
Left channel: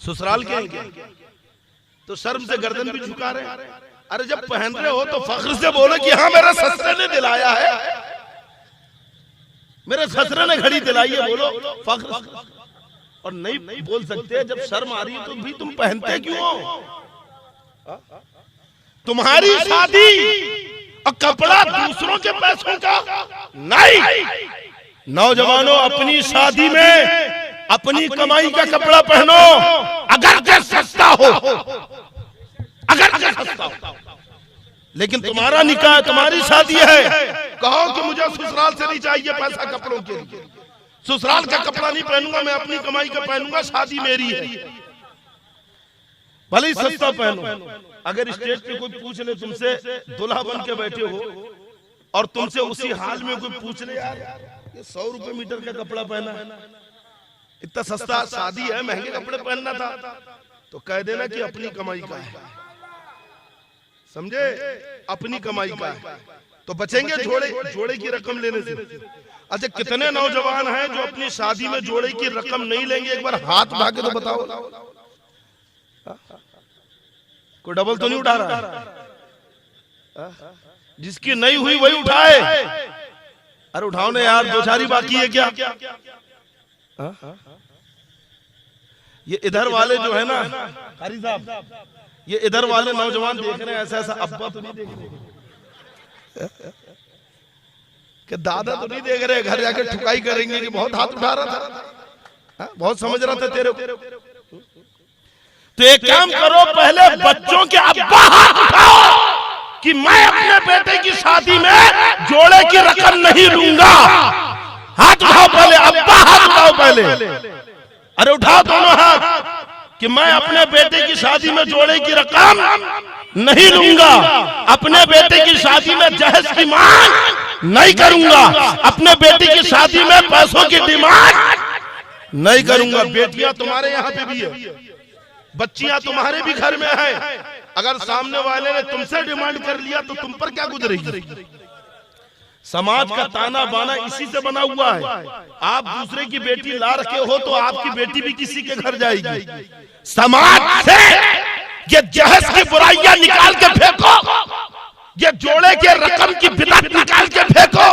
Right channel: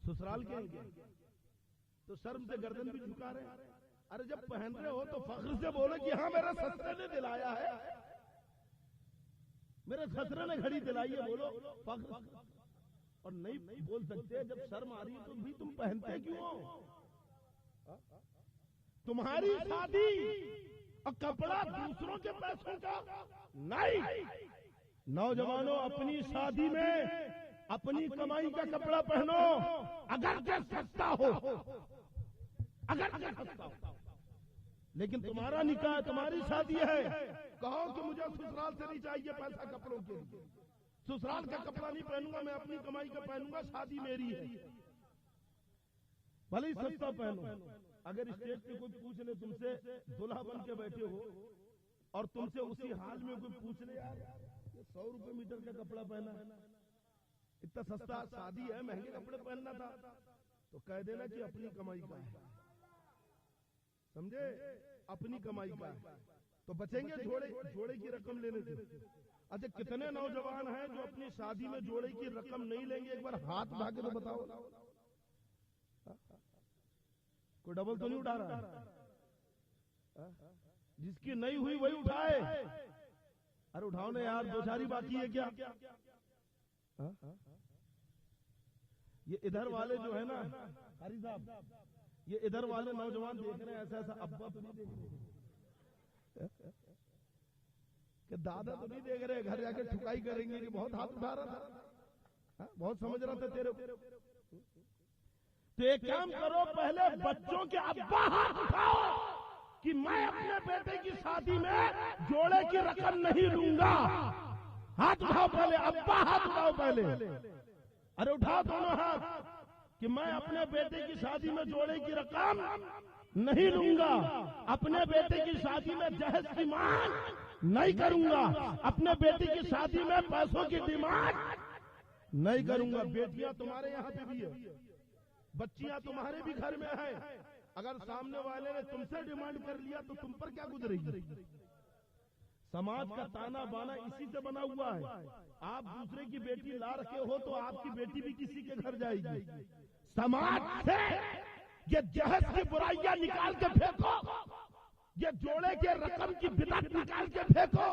ससुराल के हैं क्या? तो शर्म से गर्दन भी झुका रहे हैं। अरे जब पहन रहे हो तो फख्र से बोलो कि हाँ मेरे ससुरे ने दिलाया है, मेरे ससुरे ने घड़ी दिलाई है, बोलो फख्र। और नहीं बोल सकते जब शर्म आ रही है तो भी तुम पहनते क्यों हो? तुम्हारी शादी और कपड़ा दूसरों के पैसों का नहीं। नौजवानों अपनी शादी में अपनी कमाई का कपड़ा पहनो, अगर के सस्ता हो, अगर के सस्ता हो, लेकिन तुम्हारा निकाह, तुम्हारी शादी है, कहो कि मुझे ससुराल से नहीं चाहिए पैसा कपड़ों के लिए, ससुराल का कपड़ा नहीं पहनूंगा, मैं अपनी कमाई का पहनूंगा, शादी मेरी है, भले ही सस्ता पहनो। अगर स्टेज पे कोई पूछ ले तुमसे, दुल्हा बन के बैठे हो और तुमसे उसी हाल में कोई पूछ ले यार ये 100 रुपए मीटर का कपड़ा पहना है, इतना सस्ता शादी है, महंगे कपड़े पहनना था, तो कह देना कि अपनी कमाई का है। समझे? अपनी कमाई का है। तो बचेंगे जोड़े की रकम लेने से। अच्छा, कितने नौजवान हैं जो अपनी शादी में जोड़े की रकम नहीं लेंगे? एक बार हाथ उठा के तो बताओ। कोई डबल तो नहीं उठा रहा? जिसकी नहीं हुई वही उठाए। अरे उठाओ ना यार, दो चार ही बाकी है क्या? ये इधर वाले जो है ना कारी साहब, ये इधर वाले नौजवान देख रहे हैं, ऐसा ऐसा अब्बा तो नहीं देख रहे कि दादा तो नहीं देख रहे, घर जाके ठुकाई करेंगे कि बहुत हाथ उठा रहा था, बहुत समझ रहा था तेरे को। तो एक काम करो, पहले बच्चों के अब्बा हाथ उठाओ कि मैं अपने बेटे की शादी में जोड़े की रकम नहीं लूंगा। हाथ उठाओ पहले, अब्बा हाथ उठाओ पहले। अरे उठाओ दोनों हाथ कि मैं अपने बेटे की शादी में जोड़े की रकम नहीं लूंगा, अपने बेटे की शादी में जहेज की मांग नहीं करूंगा, अपने बेटे की शादी में पैसों की डिमांड नहीं करूंगा। बेटियां तुम्हारे यहाँ पे भी है, बच्चियां तुम्हारे भी घर में है। अगर सामने वाले ने तुमसे डिमांड कर लिया तो तुम पर क्या गुजरेगी? समाज का ताना बाना इसी से बना हुआ है। आप दूसरे की बेटी ला रखे हो तो आपकी बेटी भी किसी के घर जाएगी। समाज से ये जहेज की बुराइयां निकाल के फेंको, ये जोड़े के रकम की बिदअत निकाल के फेंको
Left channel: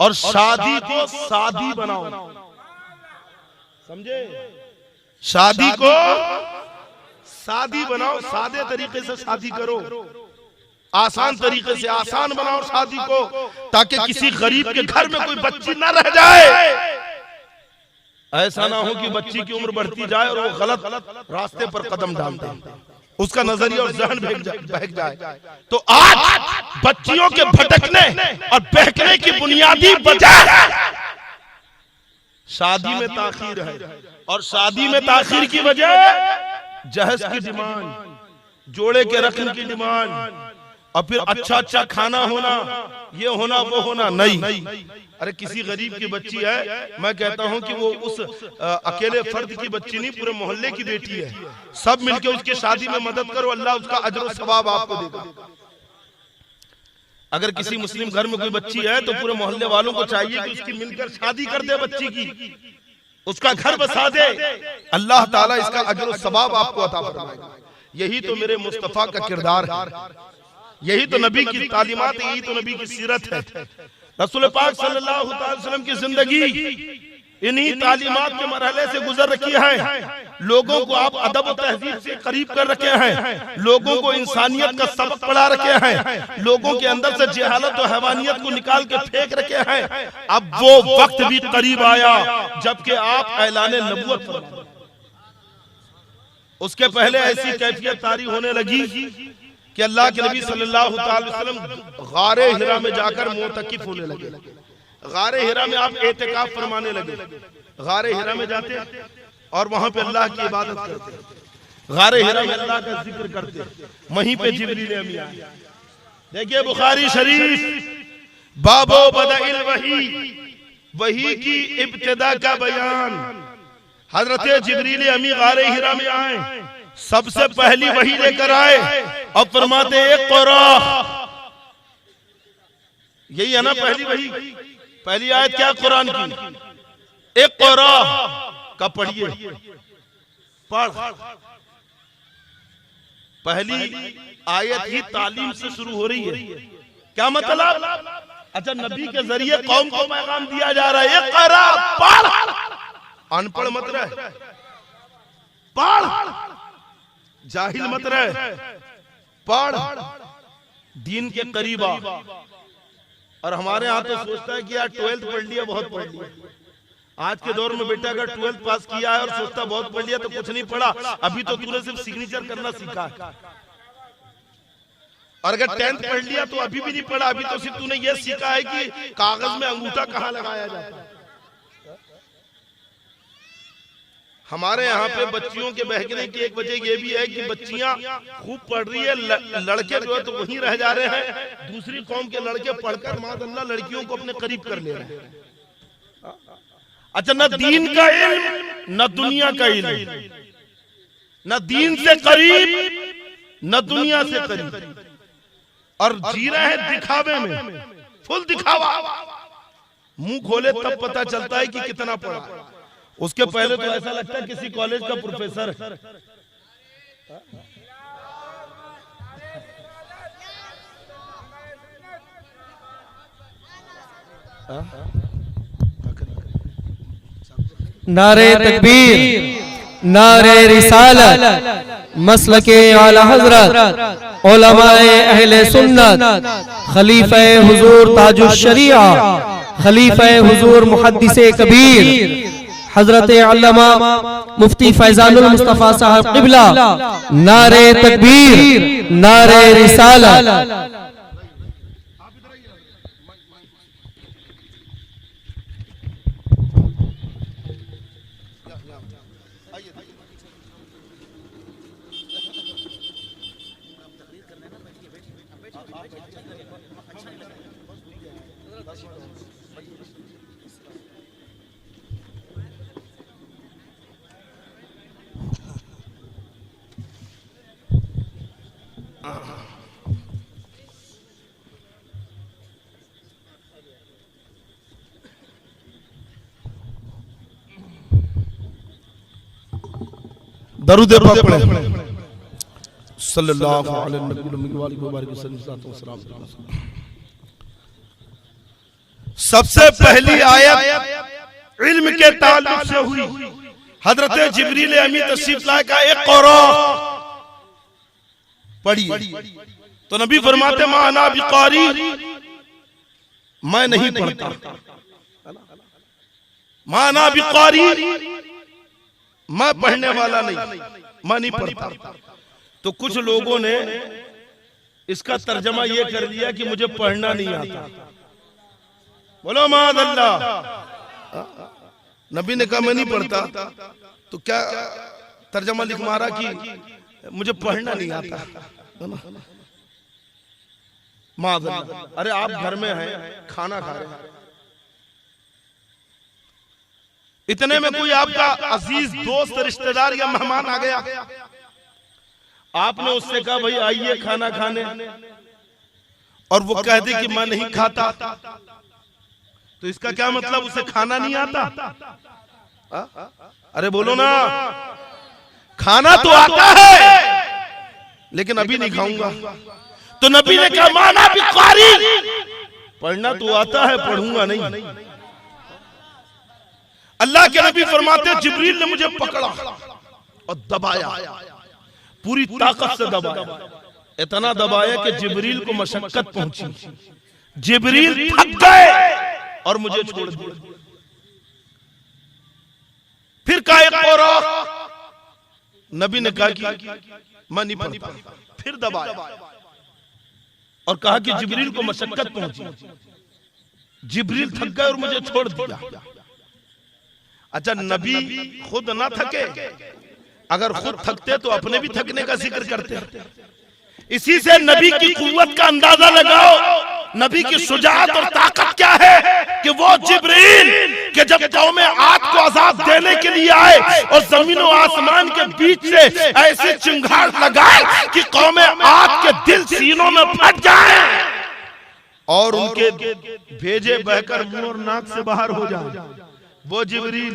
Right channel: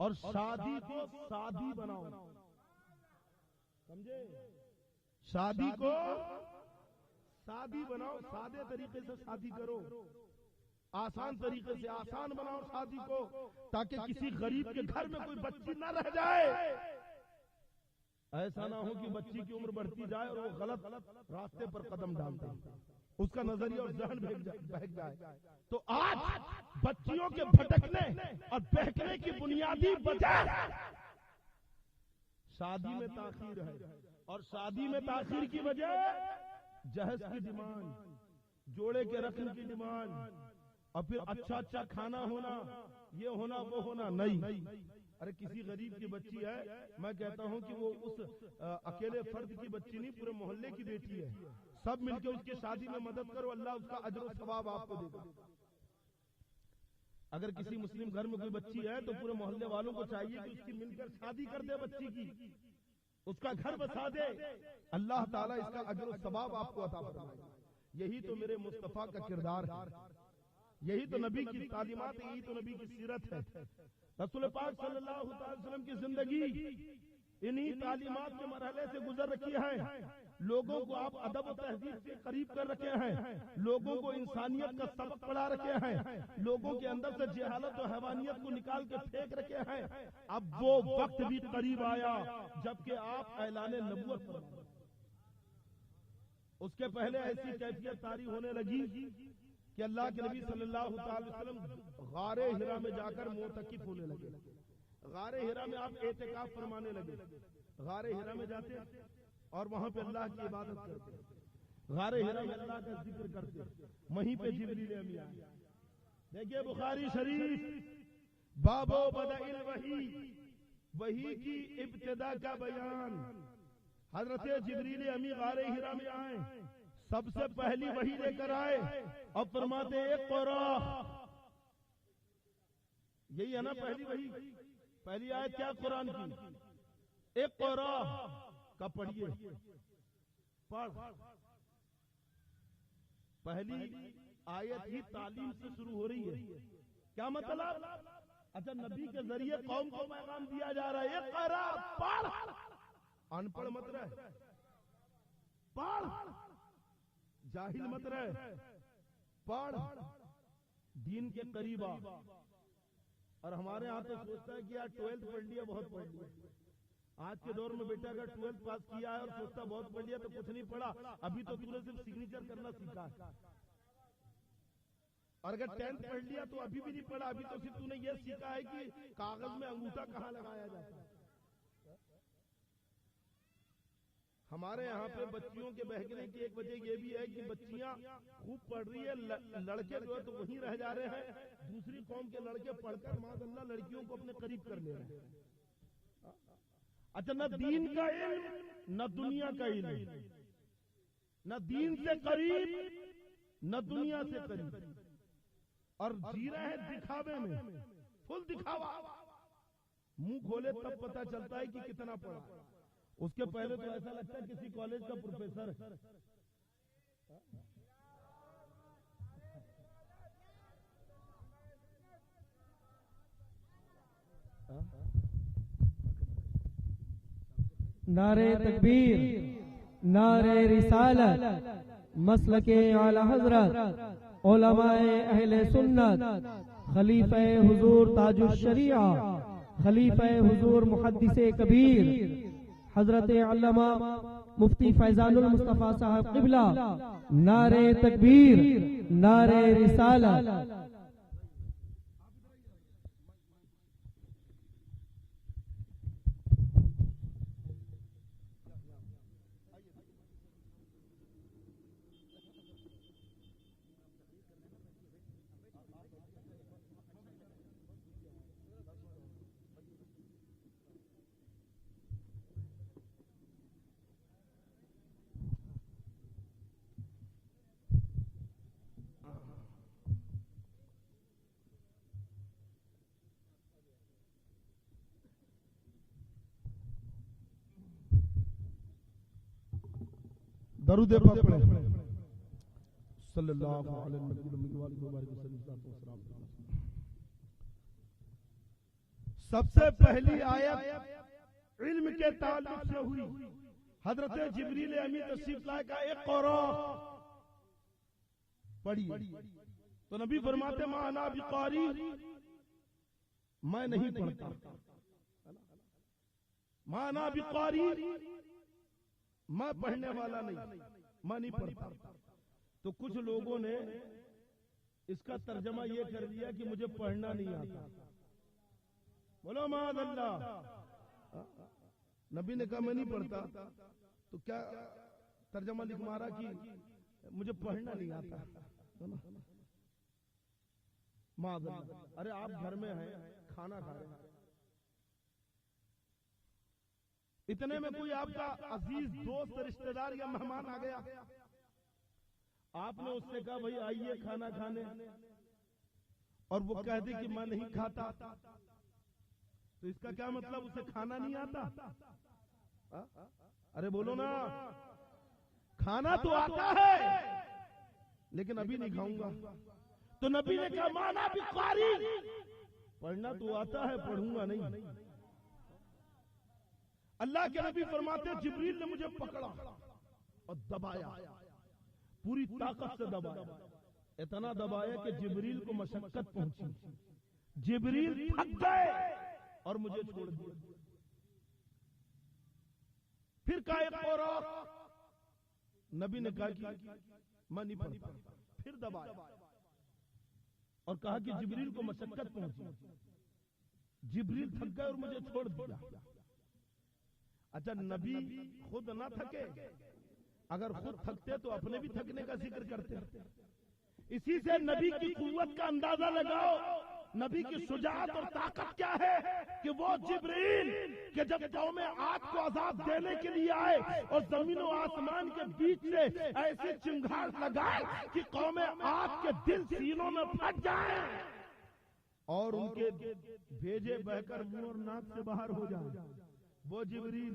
और शादी को सादी बनाओ। समझे? शादी को सादी बनाओ, सादे तरीके से शादी करो, आसान तरीके से आसान बनाओ शादी को, ताकि किसी गरीब के घर में कोई बच्ची ना रह जाए। ऐसा ना हो कि बच्ची की उम्र बढ़ती जाए और वो गलत रास्ते पर कदम डाल दे, उसका नजरिया और जहन बहक जाए। तो आज बच्चियों के भटकने और बहकने की बुनियादी वजह शादी में ताखीर है, और शादी में ताखीर की वजह जहेज की डिमांड, जोड़े के रकम की डिमांड, और फिर अच्छा अच्छा खाना होना, ये होना वो होना नहीं। अरे किसी गरीब की बच्ची है, मैं कहता हूं कि वो उस अकेले फर्द की बच्ची नहीं, पूरे मोहल्ले की बेटी है। सब मिलके उसकी शादी में मदद करो, अल्लाह उसका अजर और सवाब आपको देगा। अगर किसी मुस्लिम घर में कोई बच्ची है तो पूरे मोहल्ले वालों को चाहिए कि उसकी मिलकर शादी कर दे बच्ची की, उसका घर बसा दे, अल्लाह ताला इसका अजर और सवाब आपको अता फरमाएगा। यही तो मेरे मुस्तफा का किरदार है, यही तो नबी की तालीमात है, यही तो नबी की सीरत है। रसूल पाक सल्लल्लाहु अलैहि वसल्लम की जिंदगी इन्हीं तालीमात के मरहले से गुजर रखी है। लोगों को आप अदब और तहजीब से करीब कर रखे हैं, लोगों को इंसानियत का सबक पढ़ा रखे हैं, लोगों के अंदर से जहालत और हैवानियत को निकाल के फेंक रखे हैं। अब वो वक्त भी करीब आया जबकि आप ऐलान नबूवत फरमाएं। उसके पहले ऐसी कैफियत तारी होने लगी कि अल्लाह के नबी सल्लल्लाहु अलैहि वसल्लम गारे हिरा में जाकर मोतकिफ होने लगे। गारे हिरा में आप एतिकाफ फरमाने लगे। गारे हिरा में जाते और वहां पे अल्लाह की इबादत करते, गारे हिरा में अल्लाह का जिक्र करते। वहीं पे जिब्रील अमीन आए। देखिए बुखारी शरीफ बाबो बदइल वही, वही की इब्तिदा का बयान। हजरत जिब्रील अमी गारे हिरा में आए, सबसे पहली वही लेकर आए और फरमाते इक़रा। यही है ना पहली वही, पहली आयत क्या कुरान की? इक़रा का पढ़िए, पढ़। पहली आयत ही तालीम से शुरू हो रही है। क्या मतलब? अच्छा, नबी के जरिए कौम को पैगाम दिया जा रहा है, इक़रा, पढ़। अनपढ़ मत रहे, पढ़। जाहिल मत रहे, पढ़। दीन के करीब आ। और हमारे यहाँ तो सोचता है कि यार 12th पढ़ लिया, बहुत पढ़ लिया। आज के दौर में बेटा अगर 12th पास किया है और सोचता बहुत पढ़ लिया तो कुछ नहीं पढ़ा, अभी तो तूने सिर्फ सिग्नेचर करना सीखा है। और अगर 10th पढ़ लिया तो अभी भी नहीं पढ़ा, अभी तो सिर्फ तूने ये सीखा है कि कागज में अंगूठा कहाँ लगाया जाता है। हमारे यहाँ पे बच्चियों के बहकने की एक वजह ये भी है कि बच्चियां खूब पढ़ रही है, लड़के जो है तो वहीं रह जा रहे हैं। दूसरी कौम के लड़के पढ़कर माशाअल्लाह लड़कियों को अपने करीब कर ले रहे हैं। अच्छा, न दीन का इल्म न दुनिया का इल्म, न दीन से करीब न दुनिया से करीब। और जी रहे हैं दिखावे में, फुल दिखावा। मुंह खोले तब पता चलता है कि कितना पढ़ा। उसके पहले तो ऐसा लगता है किसी कॉलेज का प्रोफेसर है। नारे तकबीर, नारे रिसालत, मसलके आला हजरत, उलमाए अहले सुन्नत, खलीफे हुजूर ताजुश शरीआ, खलीफे हुजूर मुहद्दिसे कबीर हजरत अल्लामा मुफ्ती फैजानुल मुस्तफा साहब क़िबला। नारे तकबीर, नारे रिसालत। दरूद पाक पढ़े सल्लल्लाहु अलैहि वसल्लम। सबसे पहली आयत इल्म के ताल्लुक से हुई। हजरत जिब्रील अमीन तशरीफ लाए का एक क़ुरा पढ़ी तो नबी फरमाते मा अना बिकारी, मैं नहीं पढ़ता। मा अना बिकारी, मैं पढ़ने वाला नहीं, मैं नहीं पढ़ता। तो कुछ लोगों ने इसका तर्जमा ये कर लिया कि मुझे पढ़ना नहीं आता। बोलो माअल्लाह। नबी ने कहा मैं नहीं पढ़ता, तो क्या तर्जमा लिख मारा कि मुझे पढ़ना नहीं आता। माअल्लाह। अरे आप घर में हैं, खाना खा रहे हैं, इतने में कोई आपका अजीज दोस्त, रिश्तेदार या मेहमान आ गया, आपने उससे कहा भाई आइए खाना खाने, और वो कह दे कि मैं नहीं खाता, तो इसका क्या मतलब उसे खाना नहीं आता? अरे बोलो ना, खाना तो आता है लेकिन अभी नहीं खाऊंगा। तो नबी ने कहा माना बिकारी, पढ़ना तो आता है, पढ़ूंगा नहीं। अल्लाह के नबी फरमाते जिब्रील ने मुझे पकड़ा और दबाया, पूरी ताकत से दबाया, इतना दबाया कि जिब्रील को मशक्कत पहुंची। जिब्रील थक गए और मुझे छोड़ दिया। फिर कहा एक और, नबी ने कहा कि मैं नहीं पढ़ता। फिर दबाया और कहा कि जिब्रील को मशक्कत पहुंची। जिब्रील थक गए और मुझे छोड़ दिया। अच्छा, नबी खुद ना थके, अगर खुद थकते तो अपने भी थकने का जिक्र करते। इसी से नबी की कुव्वत का अंदाजा लगाओ, नबी की शुजाअत और ताकत क्या है कि वो जिब्रील के जब कौम आद को अजाब देने के लिए आए और जमीन और आसमान के बीच से ऐसी चिंगार लगाए कि कौम आद के दिल सीनों में फट जाए और उनके भेजे बहकर मुंह और नाक से बाहर हो जाए। वो जिब्रील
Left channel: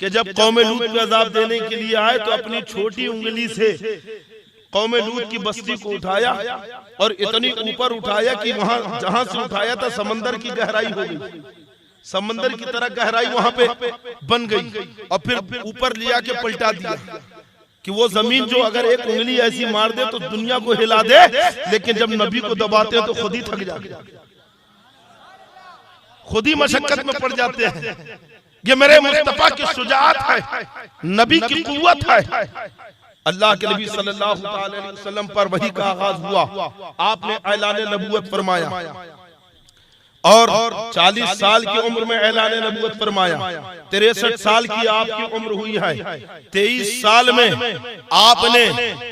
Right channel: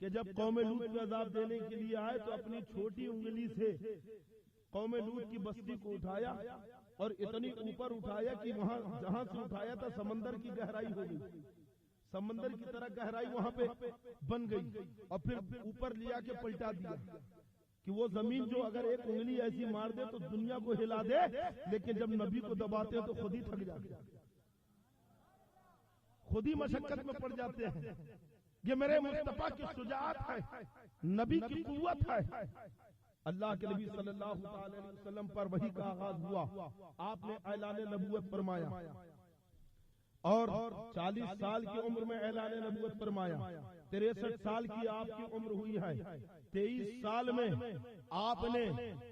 के जब कौम लूत पे अजाब देने के लिए आए तो अपनी छोटी उंगली से कौम लूत की बस्ती को उठाया और इतनी ऊपर उठाया कि वहां जहां से उठाया था समंदर की गहराई हो गई, समंदर की तरह गहराई वहां पे बन गई। और फिर ऊपर लिया के पलटा दिया कि वो जमीन जो अगर एक उंगली ऐसी मार दे तो दुनिया को हिला दे, लेकिन जब नबी को दबाते हैं तो खुद ही थक जाते, खुद ही मशक्कत में पड़ जाते हैं। ये मेरे मुस्तफा की शुजाअत है, नबी की कुव्वत है। अल्लाह के नबी सल्लल्लाहु अलैहि वसल्लम पर वही का आगाज हुआ, आपने ऐलान नबूवत फरमाया। और 40 साल की उम्र में ऐलान नबूवत फरमाया। 63 साल की आपकी उम्र हुई है। 23 साल में आपने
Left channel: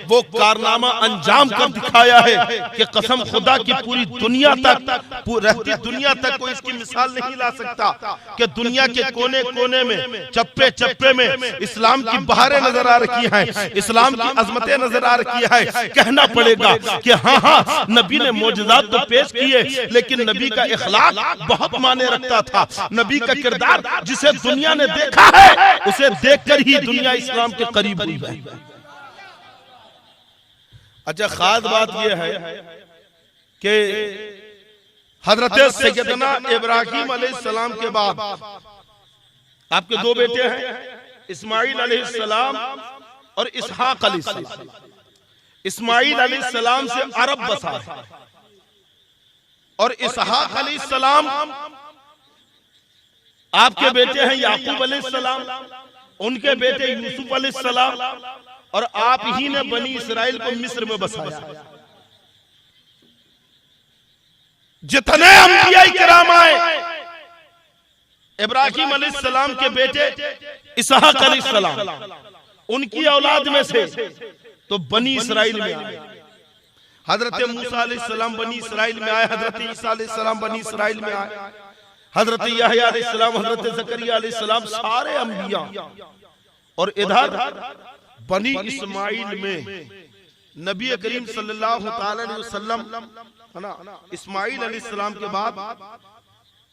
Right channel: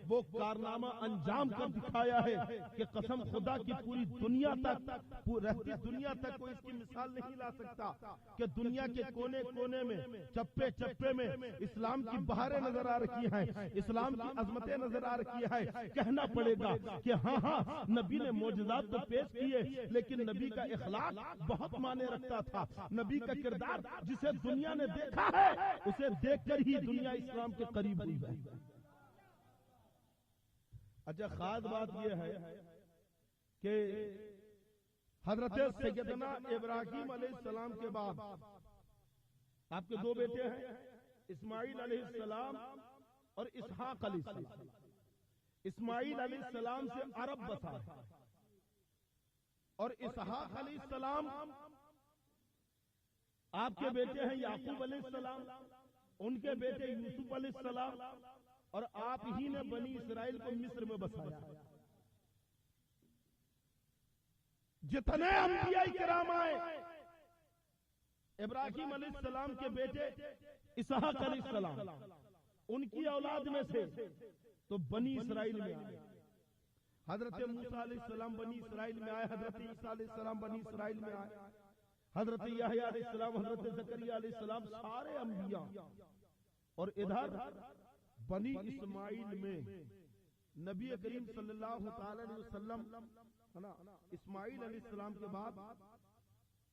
वो कारनामा अंजाम कर दिखाया है कि कसम खुदा की पूरी दुनिया तक, रहती दुनिया तक कोई इसकी मिसाल नहीं ला सकता कि दुनिया के कोने कोने में, चप्पे चप्पे में इस्लाम की बहारें नजर आ रखी हैं, इस्लाम की अजमतें नजर आ रखी है। कहना पड़ेगा कि हाँ हाँ नबी ने मोजज़ात तो पेश किए, लेकिन नबी का इखलाक बहुत माने रखता था। नबी का किरदार जिसे दुनिया ने देखा है, उसे देखकर ही दुनिया इस्लाम के करीब हुई है। अच्छा, खास बात यह है कि हजरत सैयदना इब्राहीम अलैहिस्सलाम के बाद आपके दो बेटे हैं, इस्माइल अलैहिस्सलाम और इसहाक अलैहिस्सलाम। इस्माइल अलैहिस्सलाम से अरब बसा है और इसहाक अलैहिस्सलाम आपके बेटे हैं याकूब अलैहिस्सलाम, उनके बेटे यूसुफ अलैहिस्सलाम, और आप ही ने बनी इसराइल को मिस्र में बसाया। जितने अंबिया किराम आए, इब्राहीम अलैहिस्सलाम के बेटे इसहाक अलैहिस्सलाम, उनकी औलाद में से तो बनी इसराइल में आए। हजरत मूसा अलैहिस्सलाम बनी इसराइल में आए, हजरत ईसा अलैहिस्सलाम बनी इसराइल में आए, हजरत यहया अलैहिस्सलाम, हजरत ज़करिया अलैहिस्सलाम, सारे अंबिया। और इधर बनी इस्माइल में नबी करीम सल्लल्लाहु अलैहि वसल्लम, है ना, इस्माइल अलैहिस्सलाम के बाद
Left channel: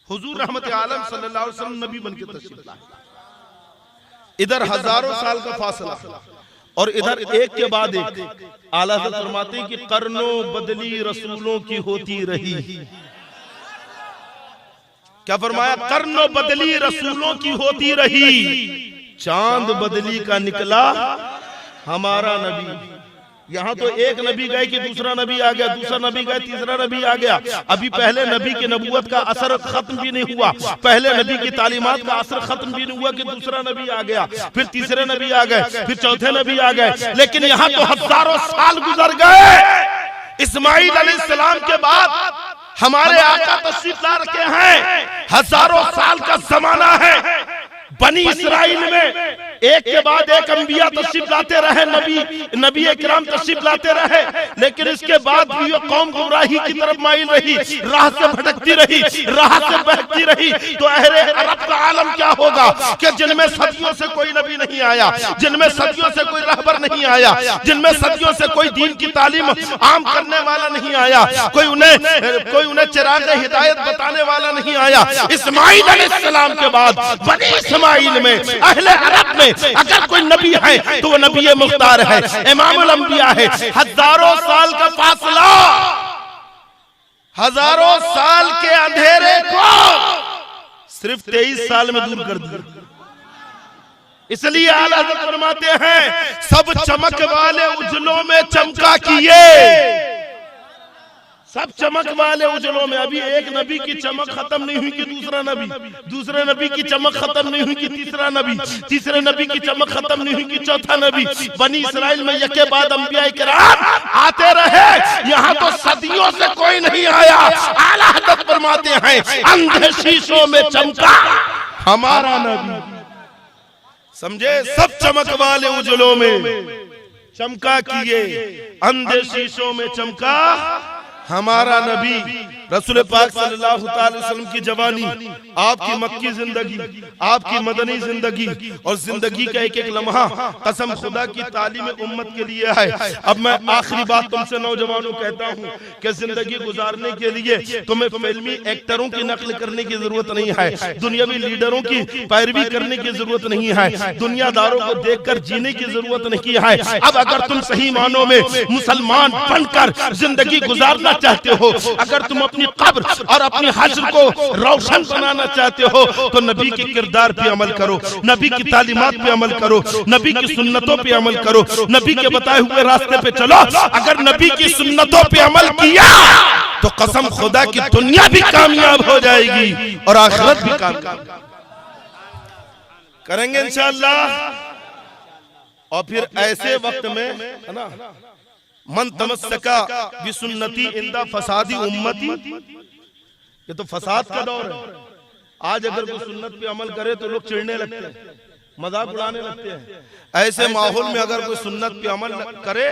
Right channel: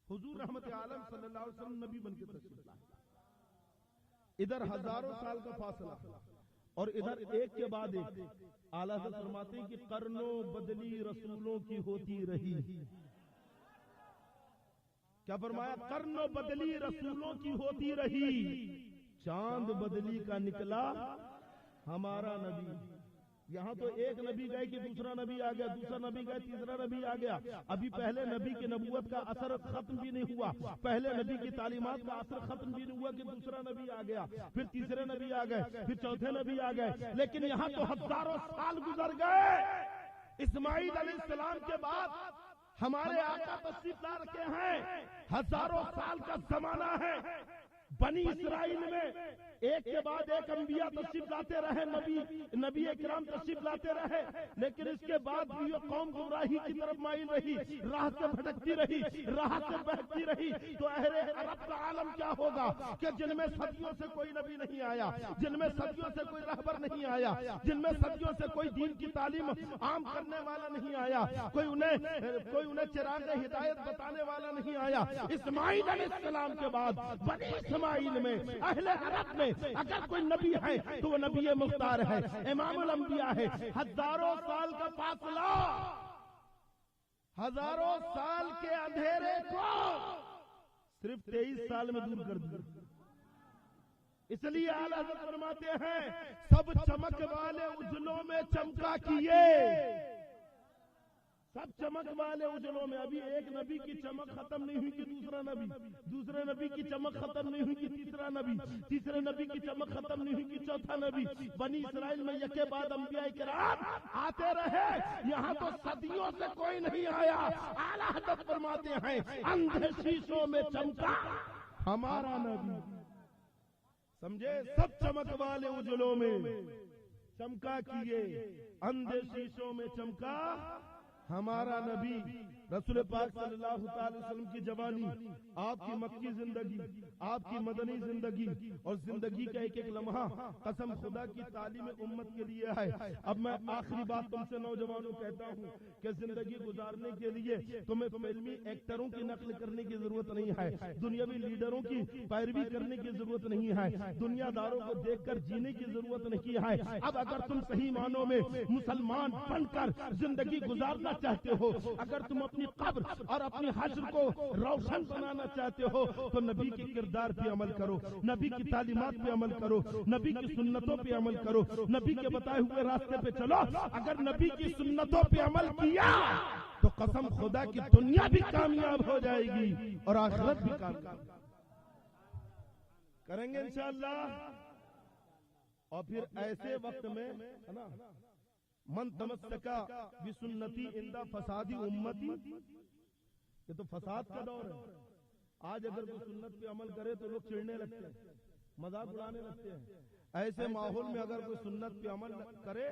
हुजूर रहमत आलम सल्लल्लाहु अलैहि वसल्लम नबी बनके तशरीफ लाए। इधर हजारों साल का फासला और इधर एक के बाद एक। आला हज़रत फरमाते हैं कि कर्नो बदली रसूलों की होती रही। क्या फरमाया? कर्नो बदली रसूलों की होती रही, चांद बदली का निकला हमारा नबी। यहाँ तो एक नबी गए कि दूसरा नबी आ गया, दूसरा नबी गए तीसरा नबी आ गया। अभी पहले नबी की नबूवत का असर खत्म भी नहीं हुआ, पहले नबी की तालीमात का असर खत्म भी नहीं हुआ कि दूसरा नबी आ गया, फिर तीसरे नबी आ गए, फिर चौथे नबी आ गए। लेकिन यहाँ तो हजारों साल गुजर गए। इस्माइल अलैहिस्सलाम के बाद हमारे आका तशरीफ ला रखे हैं, हजारों साल का जमाना है। बनी इसराइल में एक के बाद एक अंबिया तशरीफ लाते रहे, नबी इकराम तशरीफ लाते रहे, लेकिन इसके बाद भी ये कौम गुमराही की तरफ माइल रही, राह से भटकती रही, राह से बहकती रही। तो अहले अरब का आलम क्या होगा कि जिनमें सदियों से कोई नबी नहीं आया, जिनमें सदियों से कोई रहबर नहीं आया, जिनमें सदियों से कोई दीन की तालीम आम करने वाला नहीं आया, कोई उन्हें चिराग हिदायत बताने वाला नहीं आया। इस्माइल अलैहिस्सलाम के बाद बनी इस्माइल में, अहले अरब में अगर कोई नबी है तो वो नबी मुख्तार है, इमामुल अंबिया है। हजारों साल का फासला, हजारों साल के अंधेरे को सिर्फ 23 साल में दूर कर दिया। इसलिए आला हज़रत फरमाते हैं, सब चमक वाले उजलों में चमका किए, सब चमक वाले उजलों में। अभी एक नबी की चमक खत्म नहीं हुई कि दूसरा नबी, दूसरे नबी की चमक खत्म नहीं हुई कि तीसरा नबी, तीसरे नबी की चमक खत्म नहीं हुई कि चौथा नबी। बनी इसराइल में यके बाद अंबिया किराम आते रहे, यहाँ तो सदियों से कोई नहीं आया। आला हज़रत फरमाते हैं, अंधे शीशों में चमका हमारा नबी। समझे? सब चमक वाले उजलों में चमका किए, अंधे शीशों में चमका हमारा नबी। रसूल पाक सल्लल्लाहु अलैहि वसल्लम की जवानी, आपकी मक्की जिंदगी, आपकी मदनी जिंदगी और जिंदगी का एक एक लम्हा कसम खुदा की तालीम उम्मत के लिए है। अब मैं आखिरी बात तुमसे नौजवानों कहता हूँ कि जिंदगी गुजारने के लिए तुम्हें फिल्मी एक्टरों की नकल करने की जरूरत नहीं है, दुनियावी लीडरों की पैरवी करने की जरूरत नहीं है, दुनियादारों को देखकर जीने की जरूरत नहीं है। अब अगर तुम सही मानों में मुसलमान बनकर जिंदगी गुजारना चाहते हो, अगर तुम अपनी कब्र और अपनी हश्र को रोशन बनाना चाहते हो, तो नबी के किरदार पे अमल करो, नबी की तालीमात पे अमल करो, नबी की सुन्नतों पे अमल करो, नबी के बताए हुए रास्ते पे चलो। अगर नबी की सुन्नतों पे अमल किया तो कसम खुदा की दुनिया भी कामयाब हो जाएगी और आखिरत भी कामयाब करेंगे इंशाअल्लाह। और फिर ऐसे वक्त में, है ना, मन तमस्सका बिसुन्नती इंदा फसादी उम्मती ये तो फसाद का दौर है। आज अगर कोई सुन्नत पे अमल करे तो लोग चिढ़ने लगते हैं, मजाक उड़ाने लगते हैं। ऐसे माहौल में अगर कोई सुन्नत पे अमल करे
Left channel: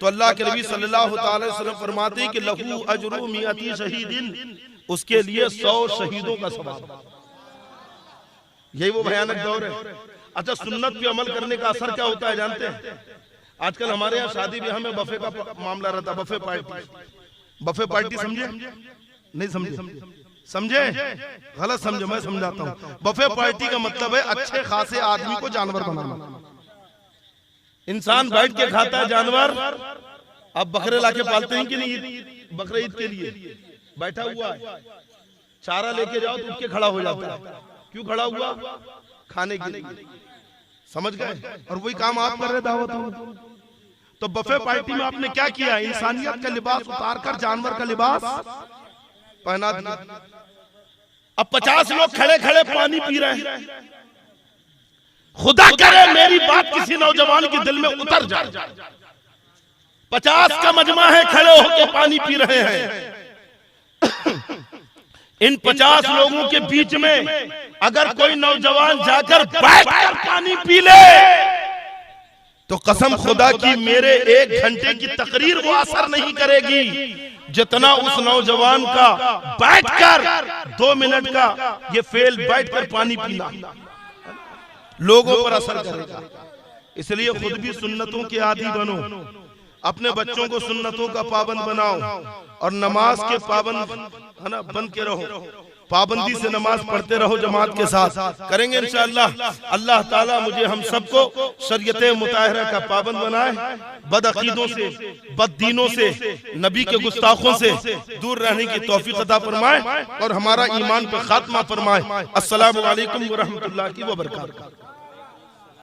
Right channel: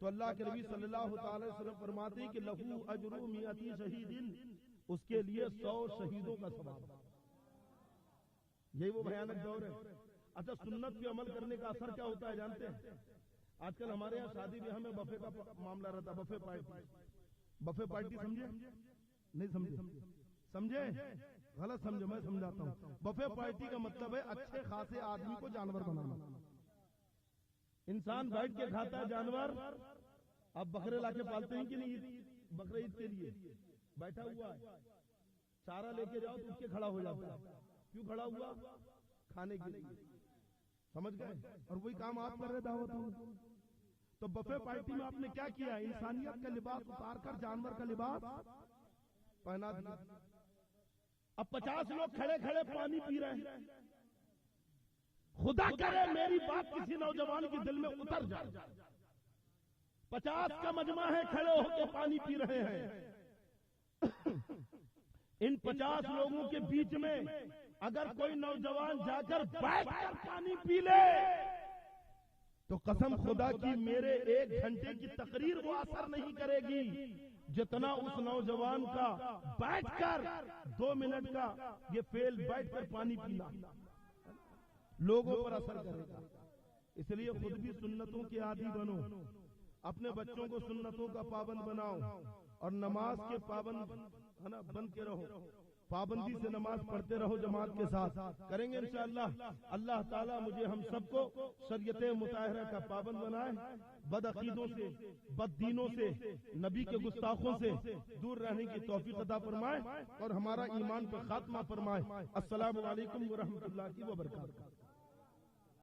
तो अल्लाह के नबी सल्लल्लाहु अलैहि वसल्लम फरमाते हैं कि लहू अजरु मिअती शहीदिन, उसके लिए 100 शहीदों का सवाब। यही वो भयानक दौर है। अच्छा, सुन्नत पे अमल करने का असर क्या होता है जानते हैं? आजकल हमारे यहाँ शादी ब्याह में बफे का मामला रहता है, बफे पार्टी। बफे पार्टी समझे? नहीं समझे? समझे? गलत समझे, मैं समझाता हूँ। बफे पार्टी का मतलब है अच्छे खासे आदमी को जानवर बनाना। इंसान बैठ के खाता है जानवर। अब बकरे लाके पालते हैं कि नहीं? बकरे ईद के लिए बैठा हुआ है, चारा लेके जाओ तो उठ के खड़ा हो जाता है। क्यों खड़ा हुआ? खाने के लिए। समझ गए? और वही काम आप कर रहे दावत में। तो बफे पार्टी में आपने क्या किया? इंसानियत का लिबास उतारकर जानवर का लिबास पहना दिया। अब 50 लोग खड़े खड़े पानी पी रहे हैं। खुदा करे मेरी बात किसी नौजवान के दिल में उतर जाए। 50 का मजमा है, खड़े होकर पानी पी रहे हैं। इन 50 लोगों के बीच में अगर कोई नौजवान जाकर बैठकर पानी पी ले तो कसम खुदा की मेरे 1 घंटे की तकरीर वो असर नहीं करेगी जितना उस नौजवान का बैठकर 2 मिनट का ये फेल बैठकर पानी पीना लोगों पर असर करेगा। इसलिए खुद भी सुन्नतों के आदी बनो, अपने बच्चों को सुन्नतों का पाबंद बनाओ और नमाज के पाबंद है ना बन के रहो। पाबंदी से नमाज पढ़ते रहो जमात के साथ। करेंगे इंशाअल्लाह। अल्लाह ताला मुझे हम सबको शरीयत मुताहरा का पाबंद बनाए, बदअकीदों से, बददीनों से, नबी के गुस्ताखों से दूर रहने की तौफीक अता फरमाए और हमारा ईमान पे खात्मा फरमाए। अस्सलामु अलैकुम व रहमतुल्लाहि व बरकातहू।